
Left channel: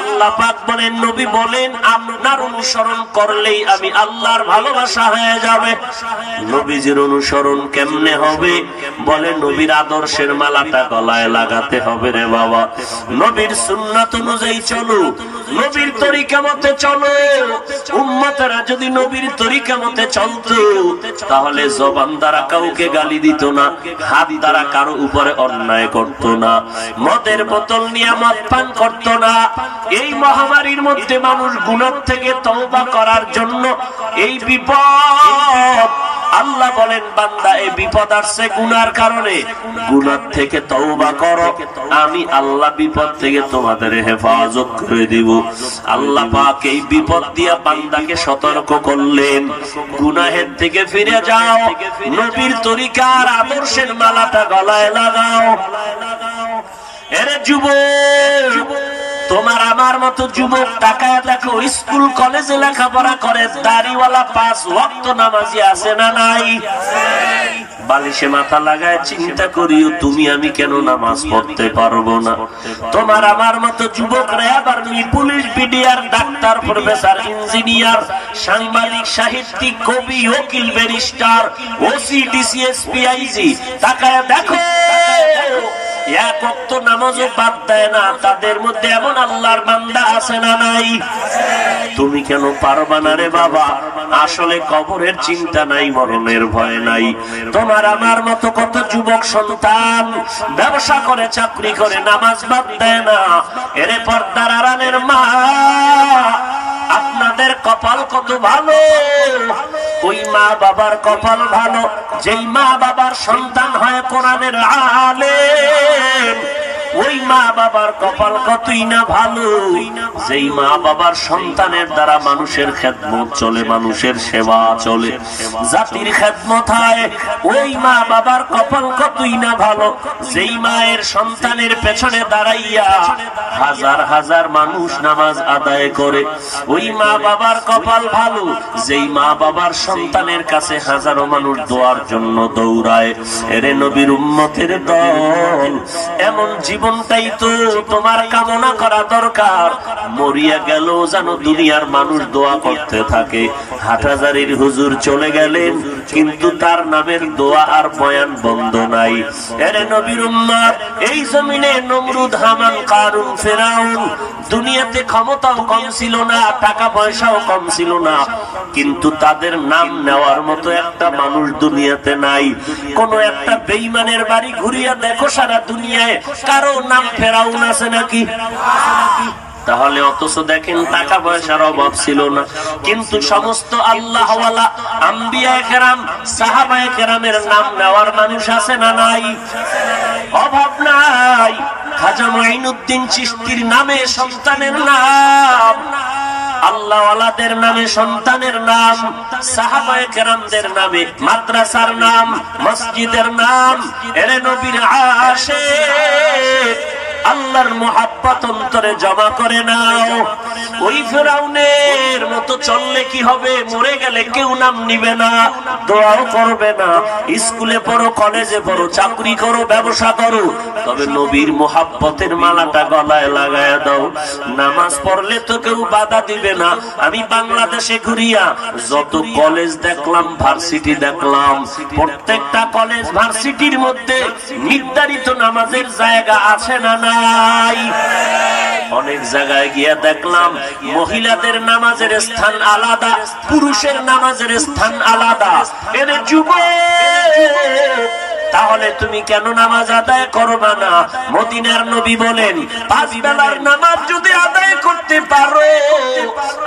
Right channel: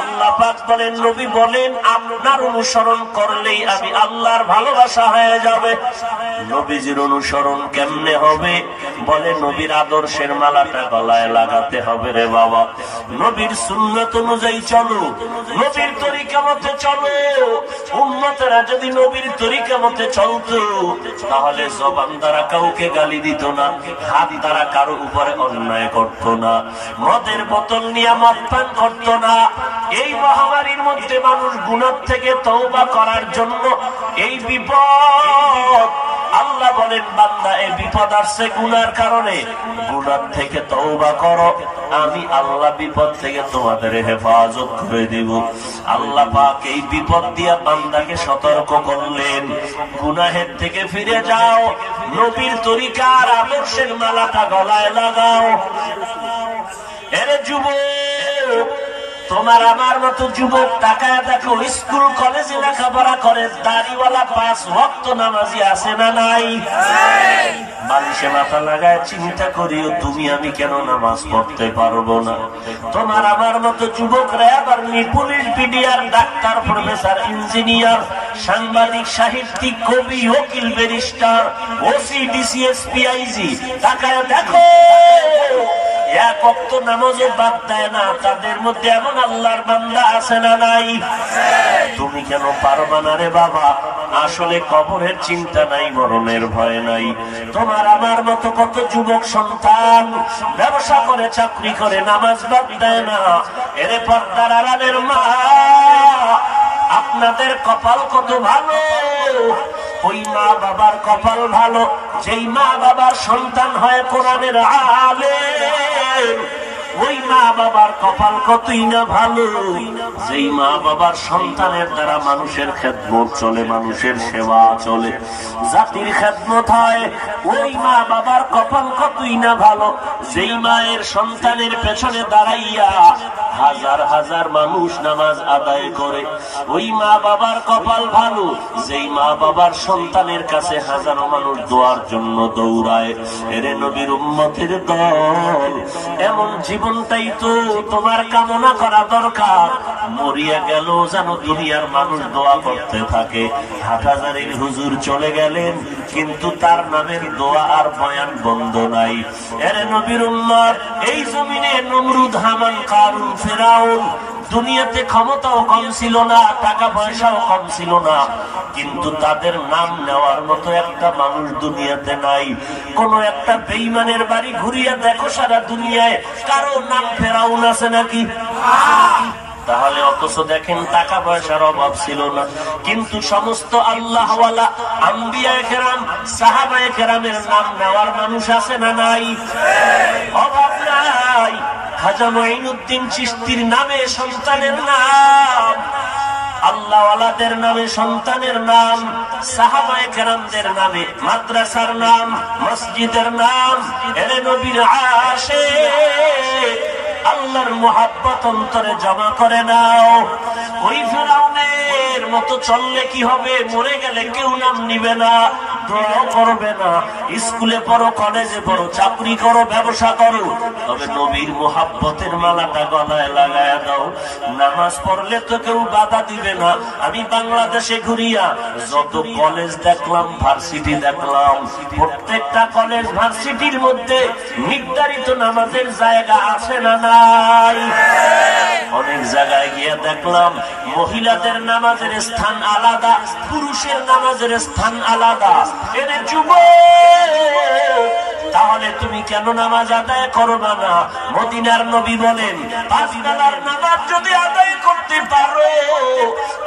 আল্লাহ পাক বলেন, নবী বলেন, আপনার অনুসরণ করলেই আমি আল্লাহর ভালোবাসা হয়ে যাবে। নবীজির অনুসরণ কেমনে হবে? বলে, নবীর আদর্শের মালাটা গলায় লাগাতে হবে রে বাবা, নবীর সুন্নাত অনুযায়ী চলো, নবীর তরিকা মতে চলো। উম্মতেরা যদি নবীর তরিকা মতে চলতো, তাহলে জবান দ্বারা কাউকে গালি দিত না, হাত দ্বারা কারো উপরে অন্যায় করত না, মদের বোতল নিয়ে মদ পান করত না। এই মহামারীর মধ্যে মানুষ গুনাহ থেকে তওবা করার জন্য এই বিপদ, আল্লাহ বলেন, বান্দা এই বিপদ আসছে গুনার কারণে, গুনাহ থেকে তওবা করো, আমি আল্লাহ বিপদ থেকে তোমাদের হেফাজত করে দিব। আল্লাহ পাক এই বিপদ দিয়া বান্দাকে সতর্ক করলেন, গুনাহের থেকে ফিরে যাও, নবীর তরিকার আদর্শের মালাটা গলায় লাগাও। এরে যুবক, তোমার আমার মতো যুবক তাকায় দেখো, স্কুল কলেজে লেখাপড়া করে, দাড়িওয়ালা 5 ওয়াক্ত নামাজি আছে না নাই? বালিশে মাথা লাগায় চিন্তা করিও, তুমি আমি কেন নামাজ পড়তে পারবো না? তোমার আমার মতো যুবকরা আবার police, BDR, doctor, professor, engineer, সাংবাদিক, সাহিত্যিক, কবি, উকিল, barrister, OC, DC, SP, IG, তাকায় দেখো, এক ওয়াক্ত নামাজও বাদ দেয় না। তাদের মধ্যে এমন আল্লাহর বান্দা আছে না নাই? তুমি কেন পারবা না রে বাবা? আসলে কবরের চিন্তা নাই, মরণের ভয় নাই। তোমার আমার মতো কত যুবক সন্তান ব্যবসা করে, চাকরি করে, নামাজ বাদ দেয় না। এরে পর্দার আড়ালের মা, আপনাদের কপাল কত ভালো। ওই মা বাবার কপাল ভালো, যেই মা বাবার সন্তান হয় কোরআনের আলেম, ওই মা বাবার কপাল কতই না ভালো, যেই মা বাবার সন্তানের দ্বারা মানুষের খেদমত চলে, মানুষের সেবা চলে, জাতির খেদমত হয়। ওই মা বাবার কপাল কতই না ভালো, যেই মায়ের সন্তানের পেছনে দাঁড়াইয়া হাজার হাজার মানুষ নামাজ আদায় করে। ওই মা বাবার কপাল ভালো, যেই মা বাবার সন্তানের কাছে হাজারো মানুষ দোয়ার জন্য দৌড়ায়। এরে নবীর উম্মতের দল, এমন জীবনটাই তো তোমার কামনা করা দরকার। মরিয়া গেল যেন দুনিয়ার মানুষ দোয়া করতে থাকে। হাটহাজারীর হুজুর চলে গেলেন, কিন্তু তার নামের দোয়া আর বয়ান বন্ধ নাই। এরে নবীর উম্মত, এই জমিনে নমরুদ, হামান, কারুন, ফেরাউন, দুনিয়াতে ক্ষমতাও কম ছিল না, টাকা পয়সাও কম ছিল না, কিন্তু তাদের নাম নেওয়ার মতো একটা মানুষ দুনিয়াতে নাই। কোন একটা বেঈমানের বাড়ি ঘুরিয়া দেখো সারা দুনিয়ায় কারো নাম ফেরাউন আছে নাকি? তাহলে অথচ দেখেন টাকা পয়সার অভাব ছিল না, কিন্তু সমস্ত আল্লাহওয়ালা আম্বিয়ায়ে কেরাম, সাহাবায়ে কেরামের নাম নেওয়ার মানুষ আছে না নাই? অভাব নাই। খাজা মুঈনুদ্দিন চিশতির নামে সন্তানের নাম, আল্লাহওয়ালাদের নামে সন্তানের নাম, সাহাবায়ে কেরামদের নামে মাদ্রাসার নাম, মসজিদের নাম। এরে নবীর আশিক, আল্লাহর মুহাব্বত অন্তরে জমা করে নাও। ওই ফেরাউনের মতো চললে কি হবে? মরে গেলে কেউ নাম নিবে না, দোয়াও করবে না। স্কুলে পড়ো, কলেজে পড়ো, চাকরি করো, ব্যবসা করো, তবে নবীর মুহাব্বতের মালাটা গলায় লাগায়া দাও। নামাজ পড়লে তো কেউ বাধা দিবে না। আমি বাংলাদেশে ঘুরিয়া যত কলেজ দেখলাম, ভার্সিটি দেখলাম, প্রত্যেকটা কলেজ ভার্সিটির মধ্যে নির্ধারিত নামাজের জায়গা আছে না নাই? অনেক জায়গায় গিয়া দেখলাম মহিলাদের নামাজের স্থান আলাদা, পুরুষের নামাজের স্থান আলাদা। এরে যুবক, তাহলে তুমি কেন নামাজ আদায় করবা না? মদিনার নবী বলেন, 5 বেলার নামাজ যদি আদায় করতে পারো,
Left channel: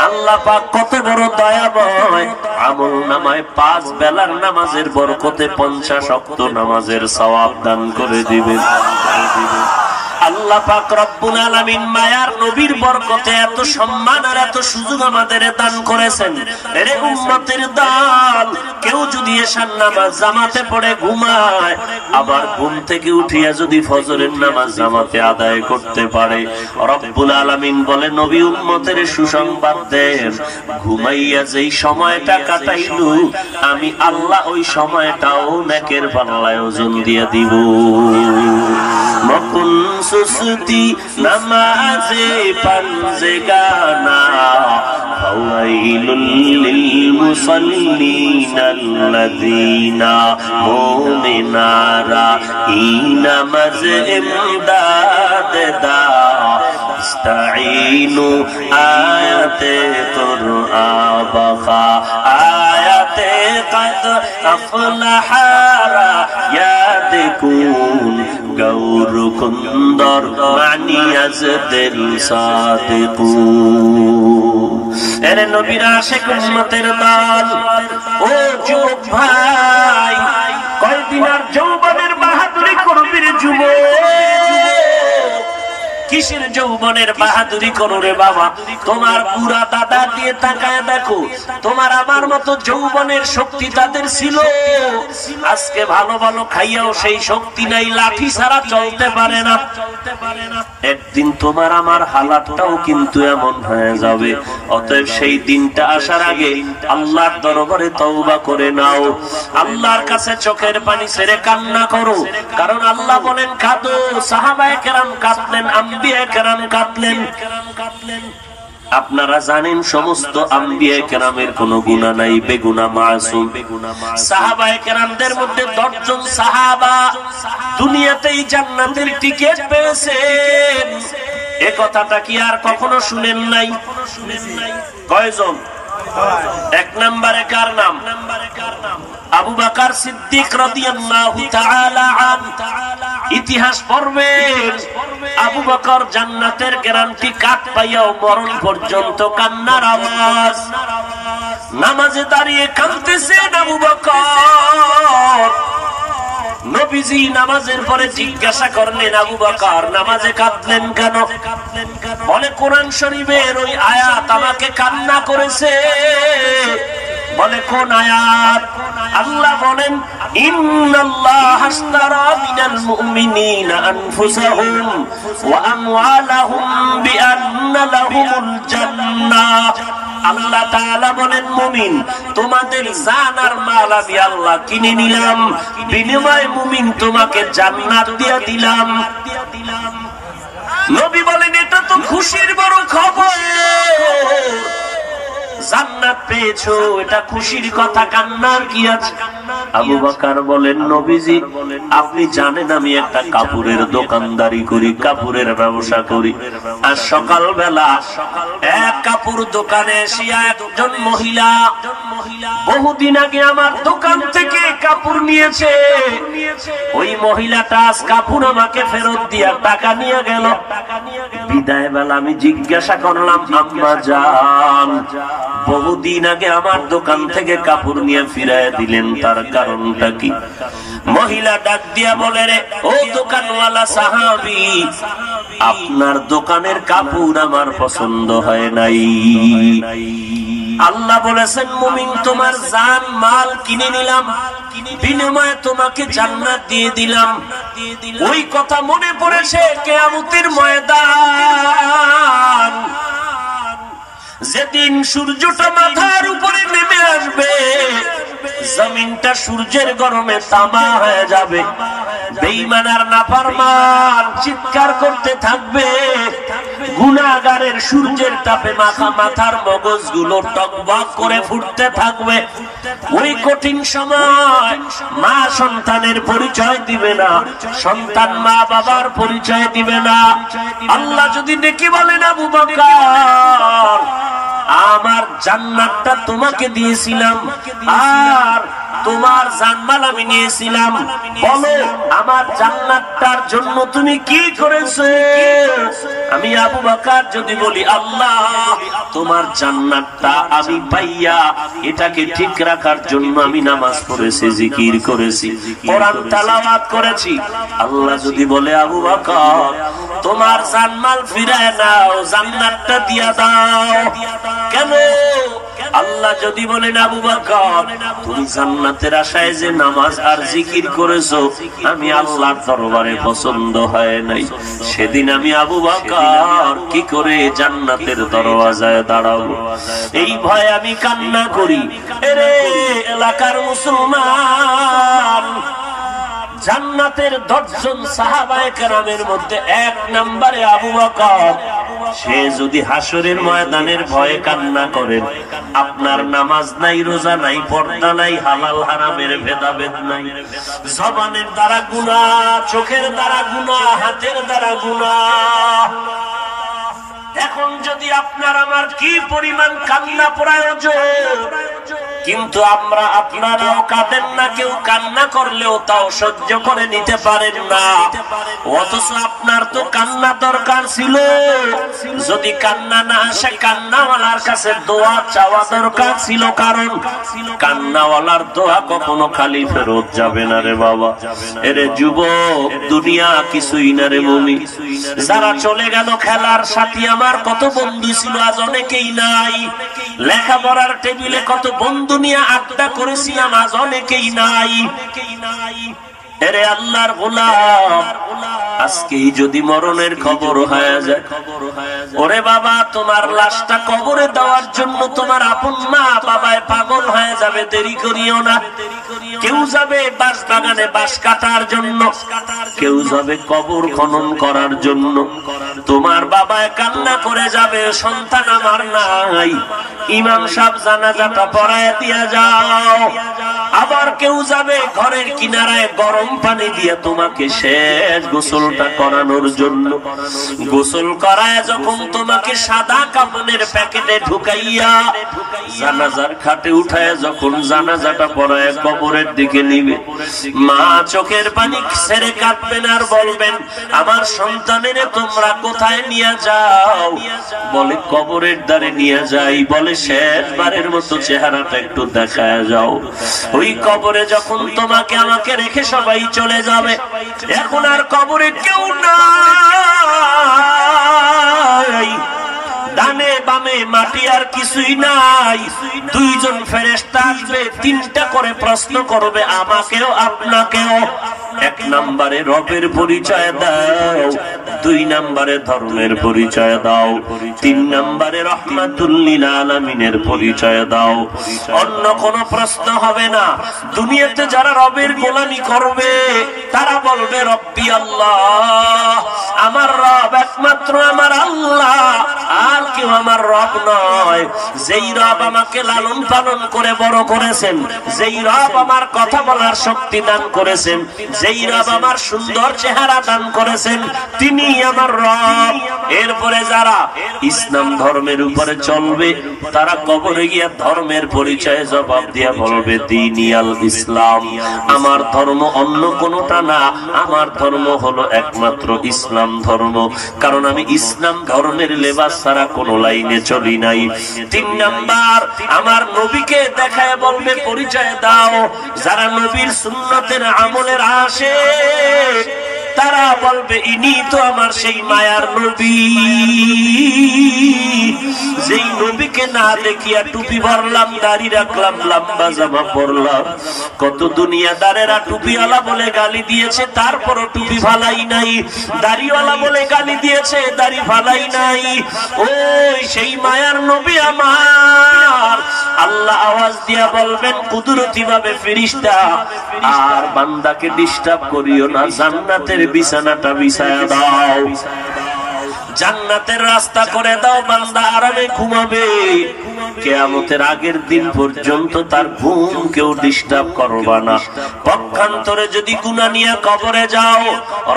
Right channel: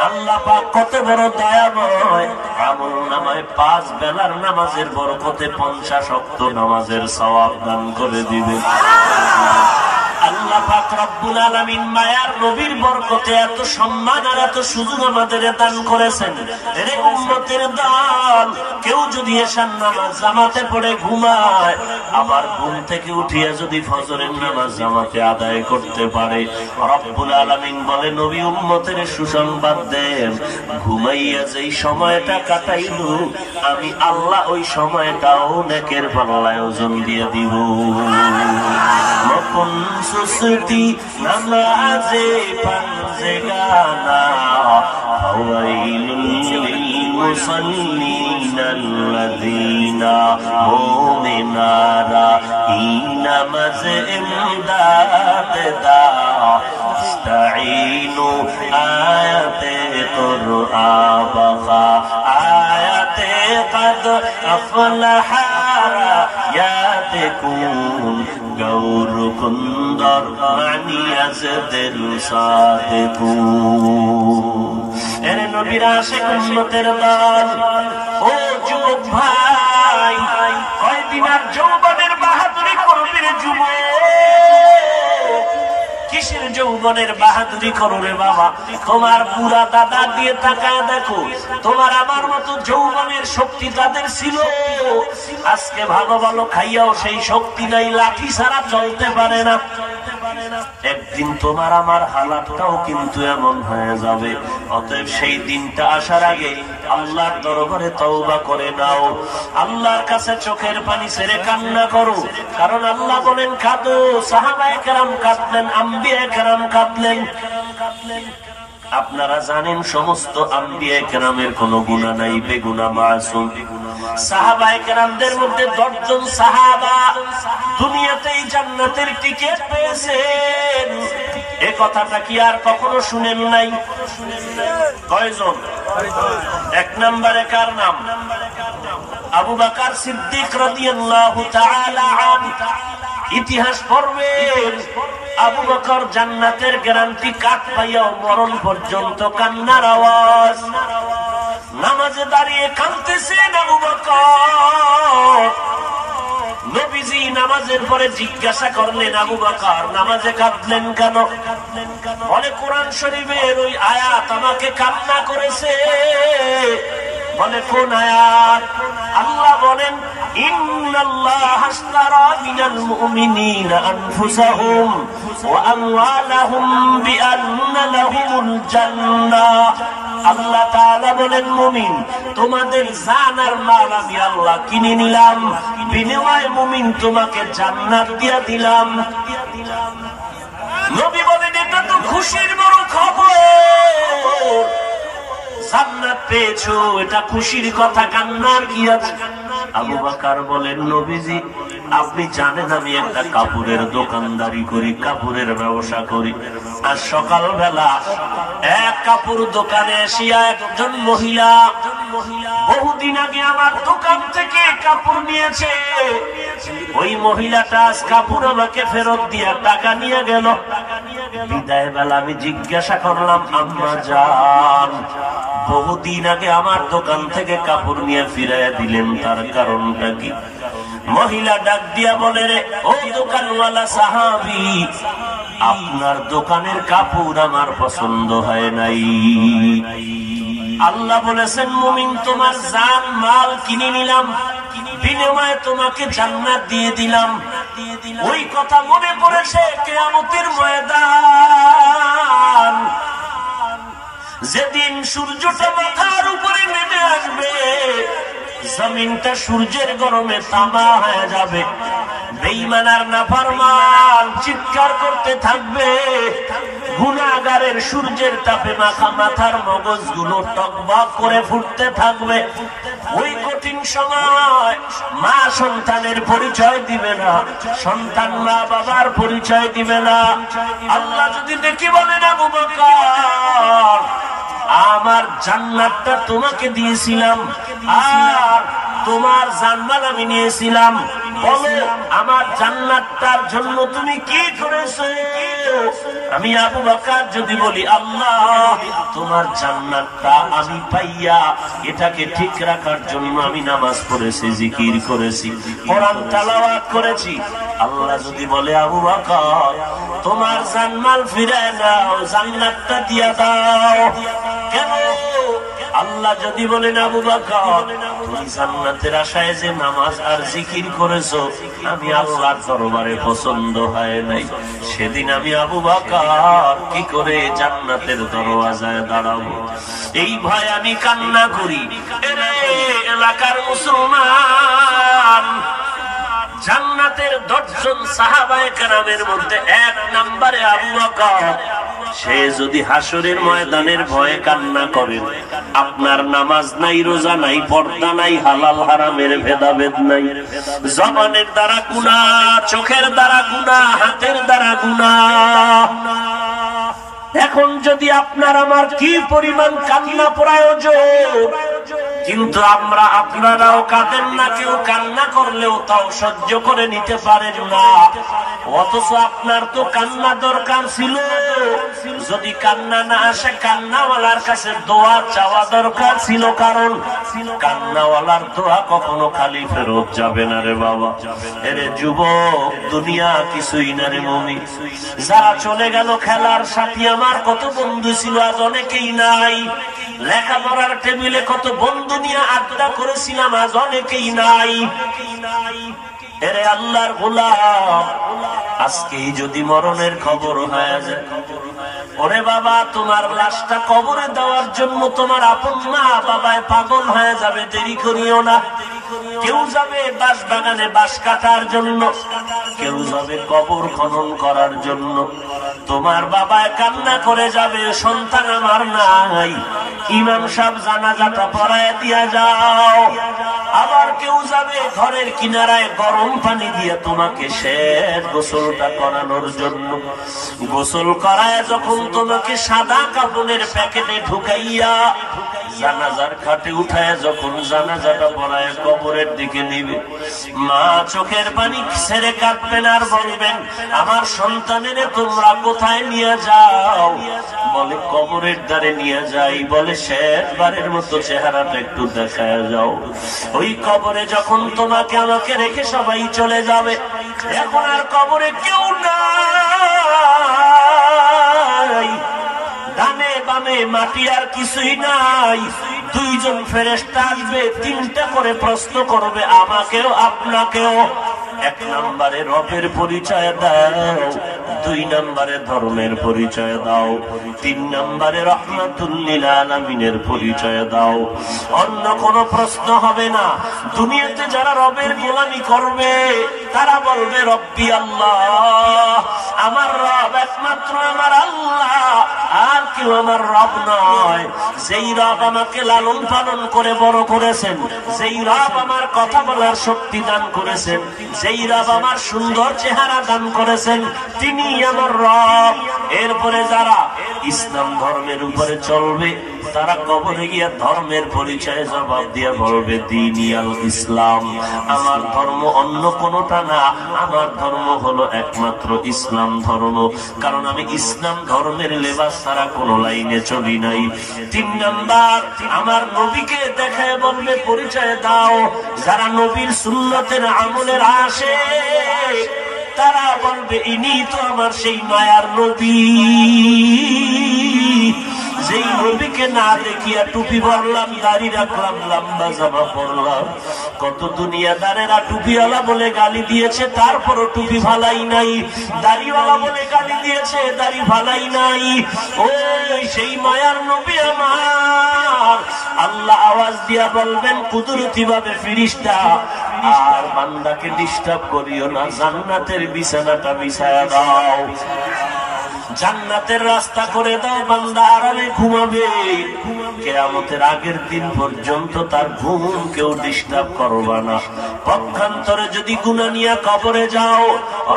আল্লাহ পাক কত বড় দয়াময়, আমল নামায় 5 বেলার নামাজের বরকতে 50 ওয়াক্ত নামাজের সওয়াব দান করে দিবেন। আল্লাহ পাক রব্বুল আলামিন মায়ার নবীর বরকতে এত সম্মান আর এত সুযোগ আমাদের দান করেছেন। এরে উম্মতের দল, কেউ যদি এশার নামাজ জামাতে পড়ে ঘুমায়, আবার ঘুম থেকে উঠিয়া যদি ফজরের নামাজ জামাতে আদায় করতে পারে, রব্বুল আলামিন বলে নবী উম্মতের সুসংবাদ দেন, ঘুমাইয়া যেই সময়টা কাটাইল আমি আল্লাহ ওই সময়টাও নেকের পাল্লায় ওজন দিয়ে দিব। মকুন সুস্তি নামাজে পাঞ্জে গানা, ফাওয়াইলুল লিল মুসাল্লিনাল্লাযীনা মুমিনারা ই নামাজ ইমদাদ দা, ইস্তাঈনু আয়াতে কুরআ বাকা, আয়াতে কদ আফলাহা ইয়াদকুন গৌর কুন্দর মানিয়াজদের সাদেকুন। এরে নবীর আশিক উম্মতের দল, ও যুবক ভাই, কয়দিন আর যৌবনের বাহাদুরি করবি রে যুবক? কিসের যৌবনের বাহাদুরি করো রে বাবা? তোমার বুড়া দাদা দিয়ে তাকায় দেখো, তোমার আমার মতো যৌবনের শক্তি তাদের ছিল। আজকে ভালো ভালো খাইয়াও সেই শক্তি নাই, লাঠি ছাড়া চলতে পারে না। একদিন তোমার আমার হালাতটাও কিন্তু এমন হয়ে যাবে। অতএব সেই দিনটা আসার আগে আল্লাহর দরবারে তওবা করে নাও, আল্লাহর কাছে চোখের পানি ছেড়ে কান্না করো। কারণ আল্লাহ বলেন কাঁদো। সাহাবায়ে কেরাম কাঁদলেন, আম্বিয়া কেরাম কাঁদলেন। আপনারা জানেন সমস্ত আম্বিয়া কেরামের কোন গুনাহ নাই, বেগুনা মাসুম। সাহাবায়ে কেরামদের মধ্যে 10 জন সাহাবা দুনিয়াতেই জান্নাতের টিকিট পেয়েছেন। এই কথাটা কি আর কখনো শুনেন নাই? কয়জন? 1 নম্বরে কার নাম? আবু বকর সিদ্দিক রাদিয়াল্লাহু তাআলা আনহু। ইতিহাস পড়বেন, আবু বকর জান্নাতের গ্যারান্টি কাট পাইয়াও মরণ পর্যন্ত কান্নার আওয়াজ। নামাজে দাঁড়িয়ে কাঁদতেছেন আবু বকর। নবীজি নামাজের পরে জিজ্ঞাসা করলেন, আবু বকর নামাজে কাঁদলেন কেন? বলে কোরআন শরীফের ওই আয়াত আমাকে কান্না করেছে। বলে কোন আয়াত? আল্লাহ বলেন, ইন্নাল্লাহা আশতারা মিনাল মুমিনিনা আনফুসাহুম ওয়া আমওয়ালাহুম বিআন্না লাহুমুল জান্নাহ। আল্লাহ তাআলা বলেন, মুমিন তোমাদের জান আর মাল আমি আল্লাহ কিনে নিলাম, বিনিময়ে মুমিন তোমাকে জান্নাত দিয়া দিলাম। নবী বলেন, এটা তো খুশির বড় খবর, জান্নাত পেয়েছো, এটা খুশির কথা, কান্নার কি আছে? আবু বকর বলেন, নবীজি আপনি জানেন আমি একটা কাপড়ের দোকানদারি করি, কাপড়ের ব্যবসা করি। আর সকালবেলা এক কাপড় দোকানে এসিয়া একজন মহিলা বহুদিন আগে আমার দোকান থেকে কাপড় নিয়েছে। ওই মহিলাটা আজ কাপড় আমাকে ফেরত দিয়া টাকা নিয়ে গেল। বিদায় বেলা আমি জিজ্ঞাসা করলাম, আম্মা জান বহুদিন আগে আমার দোকান থেকে কাপড় নিয়ে ফিরাইয়া দিলেন, তার কারণটা কি? মহিলা ডাক দিয়া বলে, রে ও দোকানওয়ালা সাহাবী, আপনার দোকানের কাপড় আমার পছন্দ হয় নাই। আল্লাহ বলেছেন, মুমিন তোমার জান মাল কিনে নিলাম, বিনিময়ে তোমাকে জান্নাত দিয়ে দিলাম। ওই কথা মনে পড়েছে কিয়ামতের ময়দান, যেদিন সূর্যটা মাথার উপরে নেমে আসবে, জমিনটা সূর্যের গরমে তামা হয়ে যাবে, বেঈমান আর নাফরমান চিৎকার করতে থাকবে, গুনাহগারের সূর্যের তাপে মাথার মগজগুলো টকবক করে ফুটতে থাকবে। ওই কঠিন সময় মা সন্তানের পরিচয় দিবে না, সন্তান মা বাবার পরিচয় দিবে না। আল্লাহ যদি ডেকে বলেন, আবু বকর আমার জান্নাতটা তোমাকে দিয়েছিলাম আর তোমার জানমাল আমি নিয়েছিলাম, বলো আমার জান্নাতটার জন্য তুমি কি করেছো? আমি আবু বকর যদি বলি, আল্লাহ তোমার জান্নাতটা আমি পাইয়া এটাকে ঠিক রাখার জন্য আমি নামাজ পড়েছি, জিকির করেছি, কোরআন তেলাওয়াত করেছি। আল্লাহ যদি বলে, আবু বকর তোমার জানমাল ফিরায় নাও, জান্নাতটা দিয়া দাও, কেন? আল্লাহ যদি বলেন, আবু বকর তুমি জান্নাতের আশায় যে নামাজ আর জিকির করেছো আমি আল্লাহর দরবারে পছন্দ হয় নাই, সেদিন আমি আবু বকর কি করে জান্নাতের দরওয়াজায় দাঁড়াবো? এই ভয়ে আমি কান্না করি। এরে এলাকার মুসলমান, জান্নাতের 10 জন সাহাবায়ে কেরামের মধ্যে 1 নম্বরে আবু বকর। সে যদি হাসরের ময়দানের ভয়ে কান্না করেন, আপনার নামাজ নাই, রোজা নাই, পর্দা নাই, হালাল হারামের ভেদাভেদ নাই, জবানের দ্বারা গুনাহ, চোখের দ্বারা গুনাহ, হাতের দ্বারা গুনাহ, এখন যদি আপনার আমার কি পরিমাণ কান্না প্রয়োজন, কিন্তু আপনারাও কাঁদেন না, কেউ কান্না করলেও তাও সহ্য করে নিতে পারেন না। অথচ আপনার তো কান্না দরকার ছিল, যদি কান্না না আসে কান্নাওয়ালার কাছে দোয়া চাওয়া দরকার ছিল, কারণ কান্নাওয়ালার দোয়া কখনো খালি ফেরত যাবে না রে বাবা। এরে যুবক, দুনিয়া কিছুই না রে মুমিন। যারা চলে গেল খেলার সাথী, আমার কত বন্ধু ছিল আজ অনেকেই নাই। লেখাপড়ার টেবিলে কত বন্ধু নিয়ে আড্ডা করেছিলাম আজ অনেকেই নাই। এরে আল্লাহর গোলাম, আজকেই যদি মরণের খবর হয়ে যায়, ওরে বাবা তোমার লাশটা কবরে দেওয়ার জন্য তোমার আপন মা বাবায় পাগল হয়ে যাবে, দেরি করিও না। কেউ যাবে বাঁশ বাগানে বাঁশ কাটার জন্য, কেউ যাবে কবর খনন করার জন্য। তোমার বাবায় কান্না করে যাবে, সন্তান আমার নাই, ইমাম সাহেব জানাজাটা পড়ায় দিয়া যাও। আবার কেউ যাবে ঘরের কিনারায় গরম পানি দিয়ে তোমাকে শেষ গোসলটা করানোর জন্য। গোসল করায় যখন তোমাকে সাদা কাপড়ের প্যাকেটে ঢুকাইয়া জানাজার খাটে উঠায় যখন জানাজাটা পড়ায় কবরের দিকে নিবে, মা চোখের পানি ছেড়ে কাঁদবেন আর বলবেন, আমার সন্তানের তোমরা কোথায় নিয়ে যাও? বলে কবরের দ্বারে নিয়ে যাই। বলে শেষবারের মতো চেহারাটা একটু দেখায় যাও। ওই কবরে যখন তোমাকে আমাকে রেখে সবাই চলে যাবে, এখন আর কবরে কেউ নাই, ডানে বামে মাটি আর কিছুই নাই। দুইজন ফেরেশতা আসবে, তিনটা করে প্রশ্ন করবে আমাকেও আপনাকেও। এক নম্বরে রবের পরিচয় দাও, দুই নম্বরে ধর্মের পরিচয় দাও, তিন নম্বরে রহমাতুল লিল আলামিনের পরিচয় দাও। অন্য কোনো প্রশ্ন হবে না। দুনিয়াতে যারা রবের গোলামি করবে তারা বলবে রব্বি আল্লাহ, আমার রব একমাত্র আমার আল্লাহ, আর কেউ আমার রব নয়। যেই রব আমাকে লালন পালন করে বড় করেছেন, যেই রব আমার কথা বলার শক্তি দান করেছেন, যেই রব আমার সুন্দর চেহারা দান করেছেন, তিনি আমার রব। এরপরে যারা ইসলাম ধর্মের উপরে চলবে তারা কবরে গিয়া ধর্মের পরিচয় জবাব দিয়া বলবে দীনিয়াল ইসলাম, আমার ধর্ম অন্য কোনটা না, আমার ধর্ম হলো একমাত্র ইসলাম ধর্ম, কারণ আমি ইসলাম ধর্মের লেবাস ছাড়া কোন লাইনে চলি নাই। তিন নাম্বার, আমার নবীকে দেখায় বলবে পরিচয় দাও। যারা নবীর সুন্নতের আমলের আসে তারা বলবে ইনি তো আমার সেই মায়ার নবী, যেই নবীকে না দেখিয়া টুপি ভরলাম, দাড়ি রাখলাম, লম্বা জামা পরলাম। কত দুনিয়াদারেরা টুপিওয়ালা বলে গালি দিয়েছে, তারপরও টুপি ভালাই নাই। দাড়িওয়ালা বলে গালি দিয়েছে, দাড়ি ভালাই নাই। ওই সেই মায়ার নবী আমার। আল্লাহ আওয়াজ দিয়া বলবেন কুদরতি ভাবে, ফেরেশতা আর বান্দাকে ডিস্টার্ব করিও না, জান্নাতের বিছানাটা বিছায়া দাও, জান্নাতের রাস্তা করে দাও, বান্দা আরামে ঘুমাবে। কিয়ামতের আগের দিন পর্যন্ত তার ঘুম কেউ ডিস্টার্ব করবা না। পক্ষান্তরে যদি গুনাহ নিয়ে কবরে যাও,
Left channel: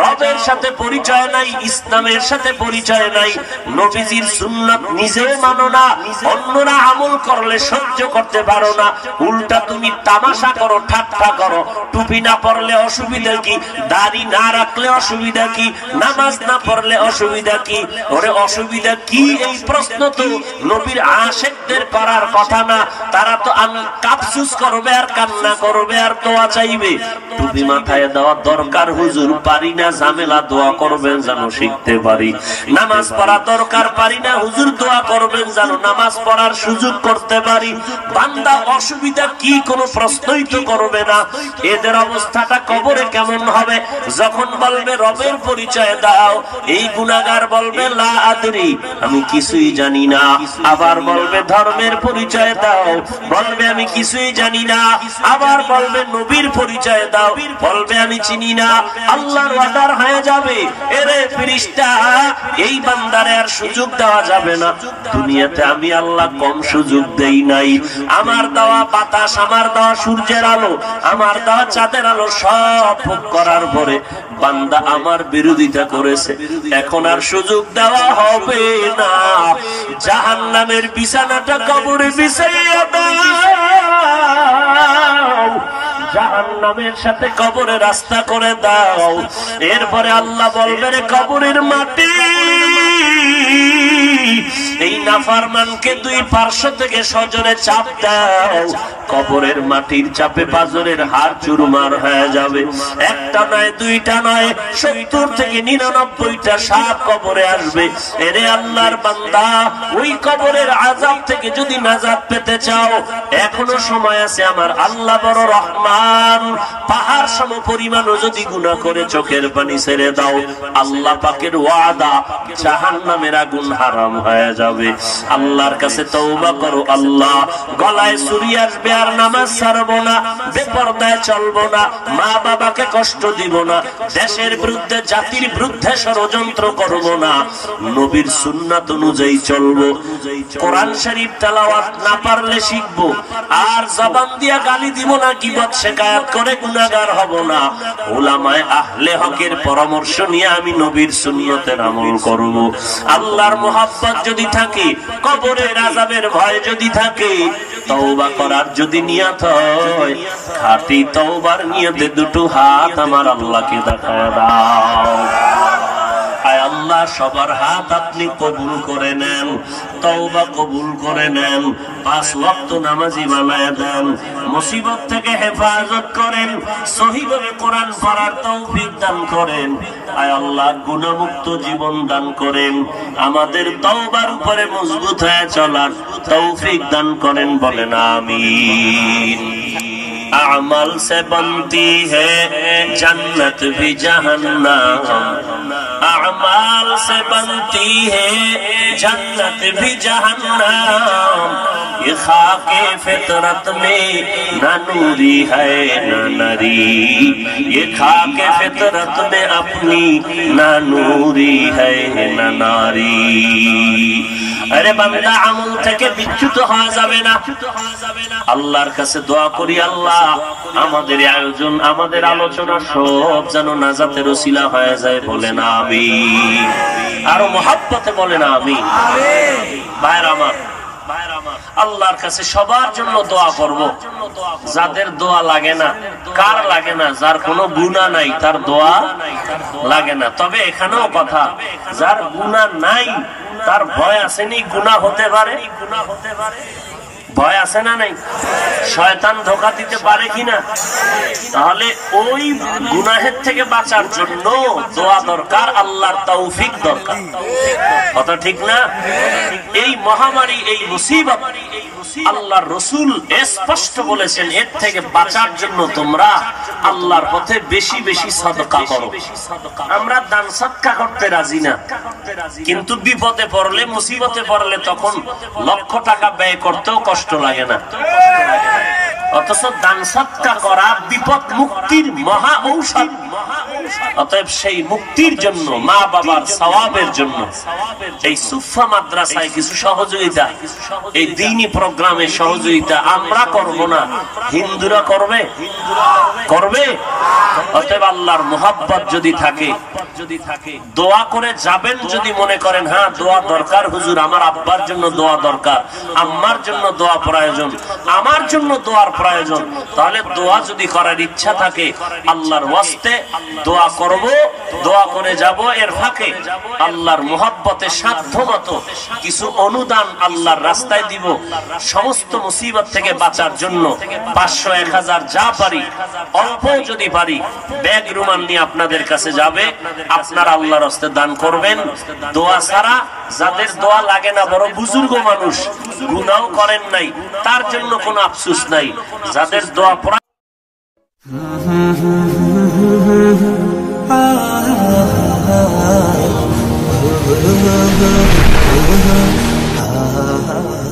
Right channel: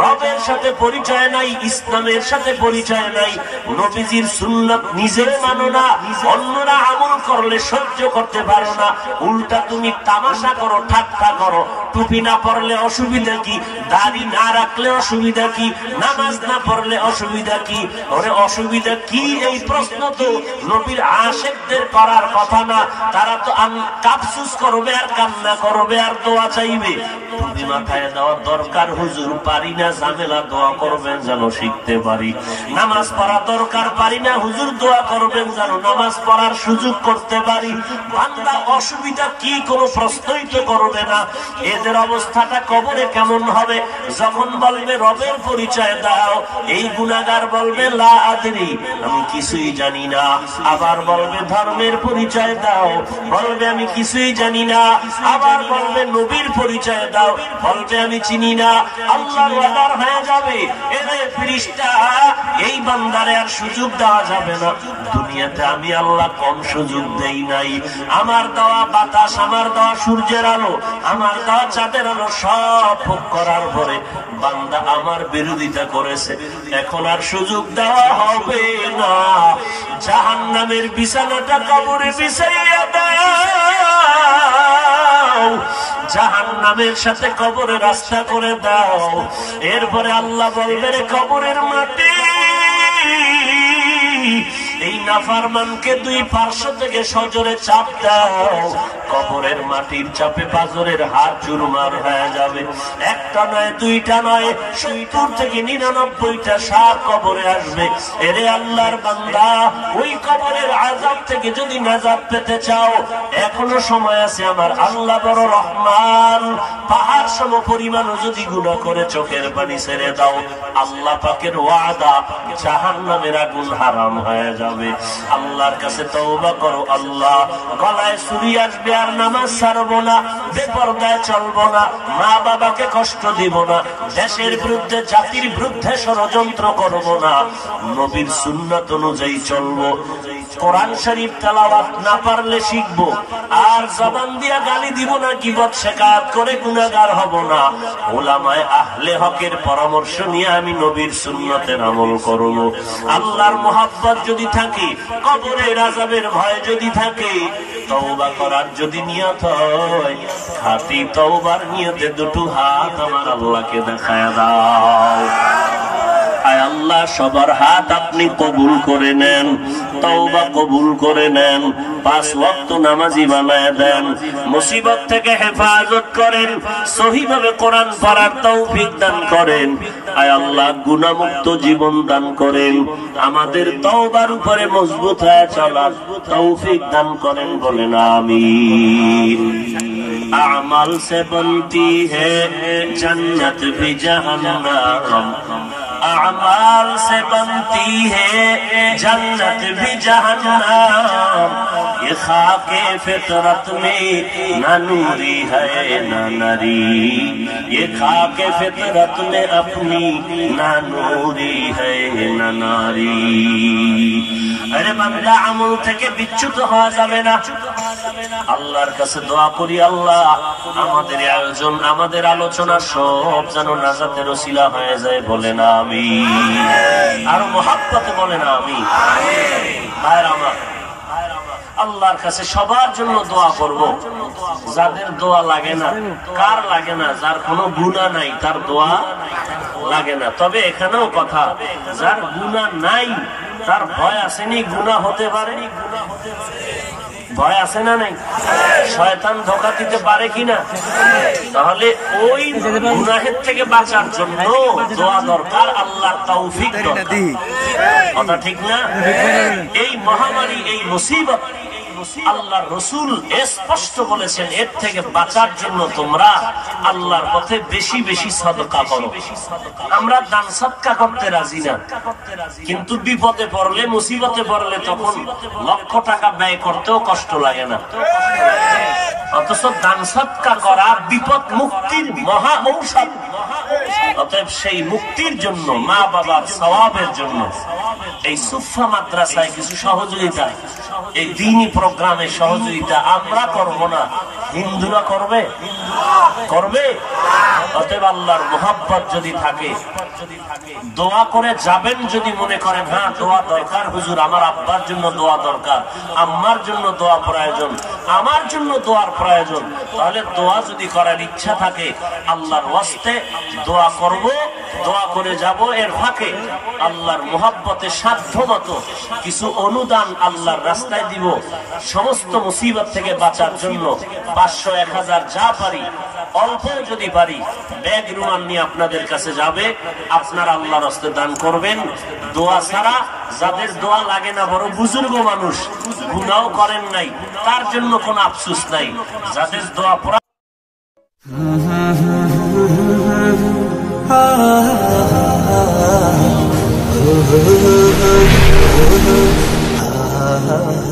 রবের সাথে পরিচয় নাই, ইসলামের সাথে পরিচয় নাই, নবীজির সুন্নাত নিজেও মানো না, অন্যরা আমল করলে সহ্য করতে পারো না, উল্টা তুমি তামাশা করো, ঠাট্টা করো। টুপি না পরলে অসুবিধা কি? দাড়ি না রাখলে অসুবিধা কি? নামাজ না পড়লে অসুবিধা কি? ওরে অসুবিধা কি? এই প্রশ্ন তো নবীর আশিকদের করার কথা না। তারা তো কাফসুস করবে আর কান্না করবে আর দোয়া চাইবে। টুপি মাথায় দেওয়া দরকার হুজুর, পারি না, ঝামেলা, দোয়া করবেন যেন শিখতে পারি। নামাজ পড়া দরকার, পারি না হুজুর, দোয়া করবেন যেন নামাজ পড়ার সুযোগ করতে পারি। বান্দা অসুবিধা কি? কোনো প্রশ্নই তো করবে না। এদের অবস্থাটা কবরে কেমন হবে? যখন বলবে রবের পরিচয় দাও, এই গুনাহগার বলবে লা আদরি, আমি কিছুই জানি না। আবার বলবে ধর্মের পরিচয় দাও, বলবে আমি কিছুই জানি না। আবার বলবে নবীর পরিচয় দাও, বলবে আমি চিনি না। আল্লাহর অর্ডার হয়ে যাবে, এরে ফেরেশতা এই বান্দারে আর সুযোগ দেওয়া যাবে না। দুনিয়াতে আমি আল্লাহ কম সুযোগ দেই নাই। আমার দেওয়া বাতাস, আমার দেওয়া সূর্যের আলো, আমার দেওয়া চাঁদের আলো সব ভোগ করার পরে বান্দা আমার বিরোধিতা করেছে, এখন আর সুযোগ দেওয়া হবে না। জাহান্নামের বিছানাটা কবরে বিছাইয়া দাও, জাহান্নামের সাথে কবরে রাস্তা করে দাও। এরপরে আল্লাহ বলবে রে কবরের মাটি, এই নাফরমানকে দুই পার্শ্ব থেকে সজোরে চাপ দাও। কবরের মাটির চাপে পাজরের হাড় চুরমার হয়ে যাবে। একটা নয়, দুইটা নয়, 70 থেকে 99টা সাপ কবরে আসবে। এরে আল্লাহর বান্দা, ওই কবরের আযাব থেকে যদি নাজাত পেতে চাও, এখনো সময় আছে। আমার আল্লাহ বড় রহমান। পাহাড় সম পরিমাণও যদি গুনাহ করে চোখের পানি ছেড়ে দাও, আল্লাহ পাকের ওয়াদা জাহান্নামের আগুন হারাম হয়ে যাবে। আল্লাহর কাছে তওবা করো। আল্লাহ, গলায় ছুরি আসবে আর নামাজ ছাড়বো না, বেপরদায় চলবো না, মা বাবাকে কষ্ট দিব না, দেশের বিরুদ্ধে, জাতির বিরুদ্ধে ষড়যন্ত্র করবো না, নবীর সুন্নাত অনুযায়ী চলবো, কোরআন শরীফ তেলাওয়াত না পারলে শিখবো, আর জবান দিয়া গালি দিব না, গীবত শিকায়াত করে গুনাহগার হব না। উলামায়ে আহলে হকের পরামর্শ নিয়ে আমি নবীর সুন্নতের আমল করব। আল্লাহর মোহাব্বত যদি থাকে, কবরের আযাবের ভয় যদি থাকে, তওবা করার যদি নিয়ত হয়, খাঁটি তওবার নিয়তে দুটো হাত আমার আল্লাহকে দেখায় দাও। আয় আল্লাহ সবার হাত আপনি কবুল করে নেন, তওবা কবুল করে নেন, 5 ওয়াক্ত নামাজি বানায় দেন, মুসিবত থেকে হেফাজত করেন, সহিভাবে কোরআন পড়ার তৌফিক দান করেন। আয় আল্লাহ গুনাহমুক্ত জীবন দান করেন, আমাদের তওবার উপরে মজবুত হয়ে চলার তৌফিক দান করেন, বলেন আমিন। अमल से बनती है जन्नत भी जहन्नम, अमाल से बनती है जन्नत भी जहन्नम, ये खाके फितरत में न नूरी है न नरी, ये खाके फितरत में अपनी न नूरी है न नारी। अरे बंदा আমল থেকে বিচ্যুত হওয়া যাবে না। আল্লাহর কাছে দোয়া করি, আল্লাহ আমাদের আয়োজন, আমাদের আলোচনা সব যেন নাজাতের ওসিলা হয়ে যায়, বলেন আমিন। আরো মহাব্বতে বলেন আমিন। ভাইরা আমার, আল্লাহর কাছে সবার জন্য দোয়া করব। যাদের দোয়া লাগে না, কার লাগে না? যার কোনো গুনাহ নাই তার দোয়া লাগে না। তবে এখানেও কথা, যার গুনাহ নাই তার ভয় আসেনি গুনাহ হতে পারে, ভয় আছে না নাই? শয়তান ধোঁকা দিতে পারে কিনা? তাহলে ওই গুনাহের থেকে বাঁচার জন্য দোয়া দরকার, আল্লাহর তৌফিক দরকার। কথা ঠিক না? এই মহামারী, এই মুসিবত আল্লাহর রাসূল স্পষ্ট বলেছেন, এর থেকে বাঁচার জন্য তোমরা আল্লাহর পথে বেশি বেশি সাদকা করো। আমরা দান সদকা করতে রাজি না, কিন্তু বিপদে পড়লে, মুসিবতে পড়লে তখন লক্ষ টাকা ব্যয় করতেও কষ্ট লাগে না। অথচ দান সদকা করা বিপদ মুক্তির মহা ঔষধ। অতএব সেই মুক্তির জন্য, মা বাবার সওয়াবের জন্য এই সুফা মাদ্রাসায় কিছু সহযোগিতা, এই দ্বীনি প্রোগ্রামে সহযোগিতা আমরা করব না, হিন্দুরা করবে, করবে। অতএব আল্লাহর মুহাব্বত যদি থাকে, দোয়া করে যাবেন। যদি মনে করেন হ্যাঁ দোয়া দরকার, হুজুর আমার আব্বার জন্য দোয়া দরকার, আম্মার জন্য দোয়া প্রয়োজন, আমার জন্য দোয়ার প্রয়োজন, তাহলে দোয়া যদি করার ইচ্ছা থাকে আল্লাহর ওয়াস্তে দোয়া করব, দোয়া করে যাব। এর ফাঁকে আল্লাহর মুহাব্বতের সাধ্যমতো কিছু অনুদান আল্লাহর রাস্তায় দিব। সমস্ত মুসিবত থেকে বাঁচার জন্য 500, 1000 যা পারি, অল্প যদি পারি, ব্যাগ রুমাল নিয়ে আপনাদের কাছে যাবে, আপনারা আল্লাহর রাস্তে দান করবেন। দোয়া ছাড়া, যাদের দোয়া লাগে না, বড় বুজুর্গ মানুষ, গুনাহ করেন নাই, তার জন্য কোনো আফসোস নাই। যাদের দোয়া ah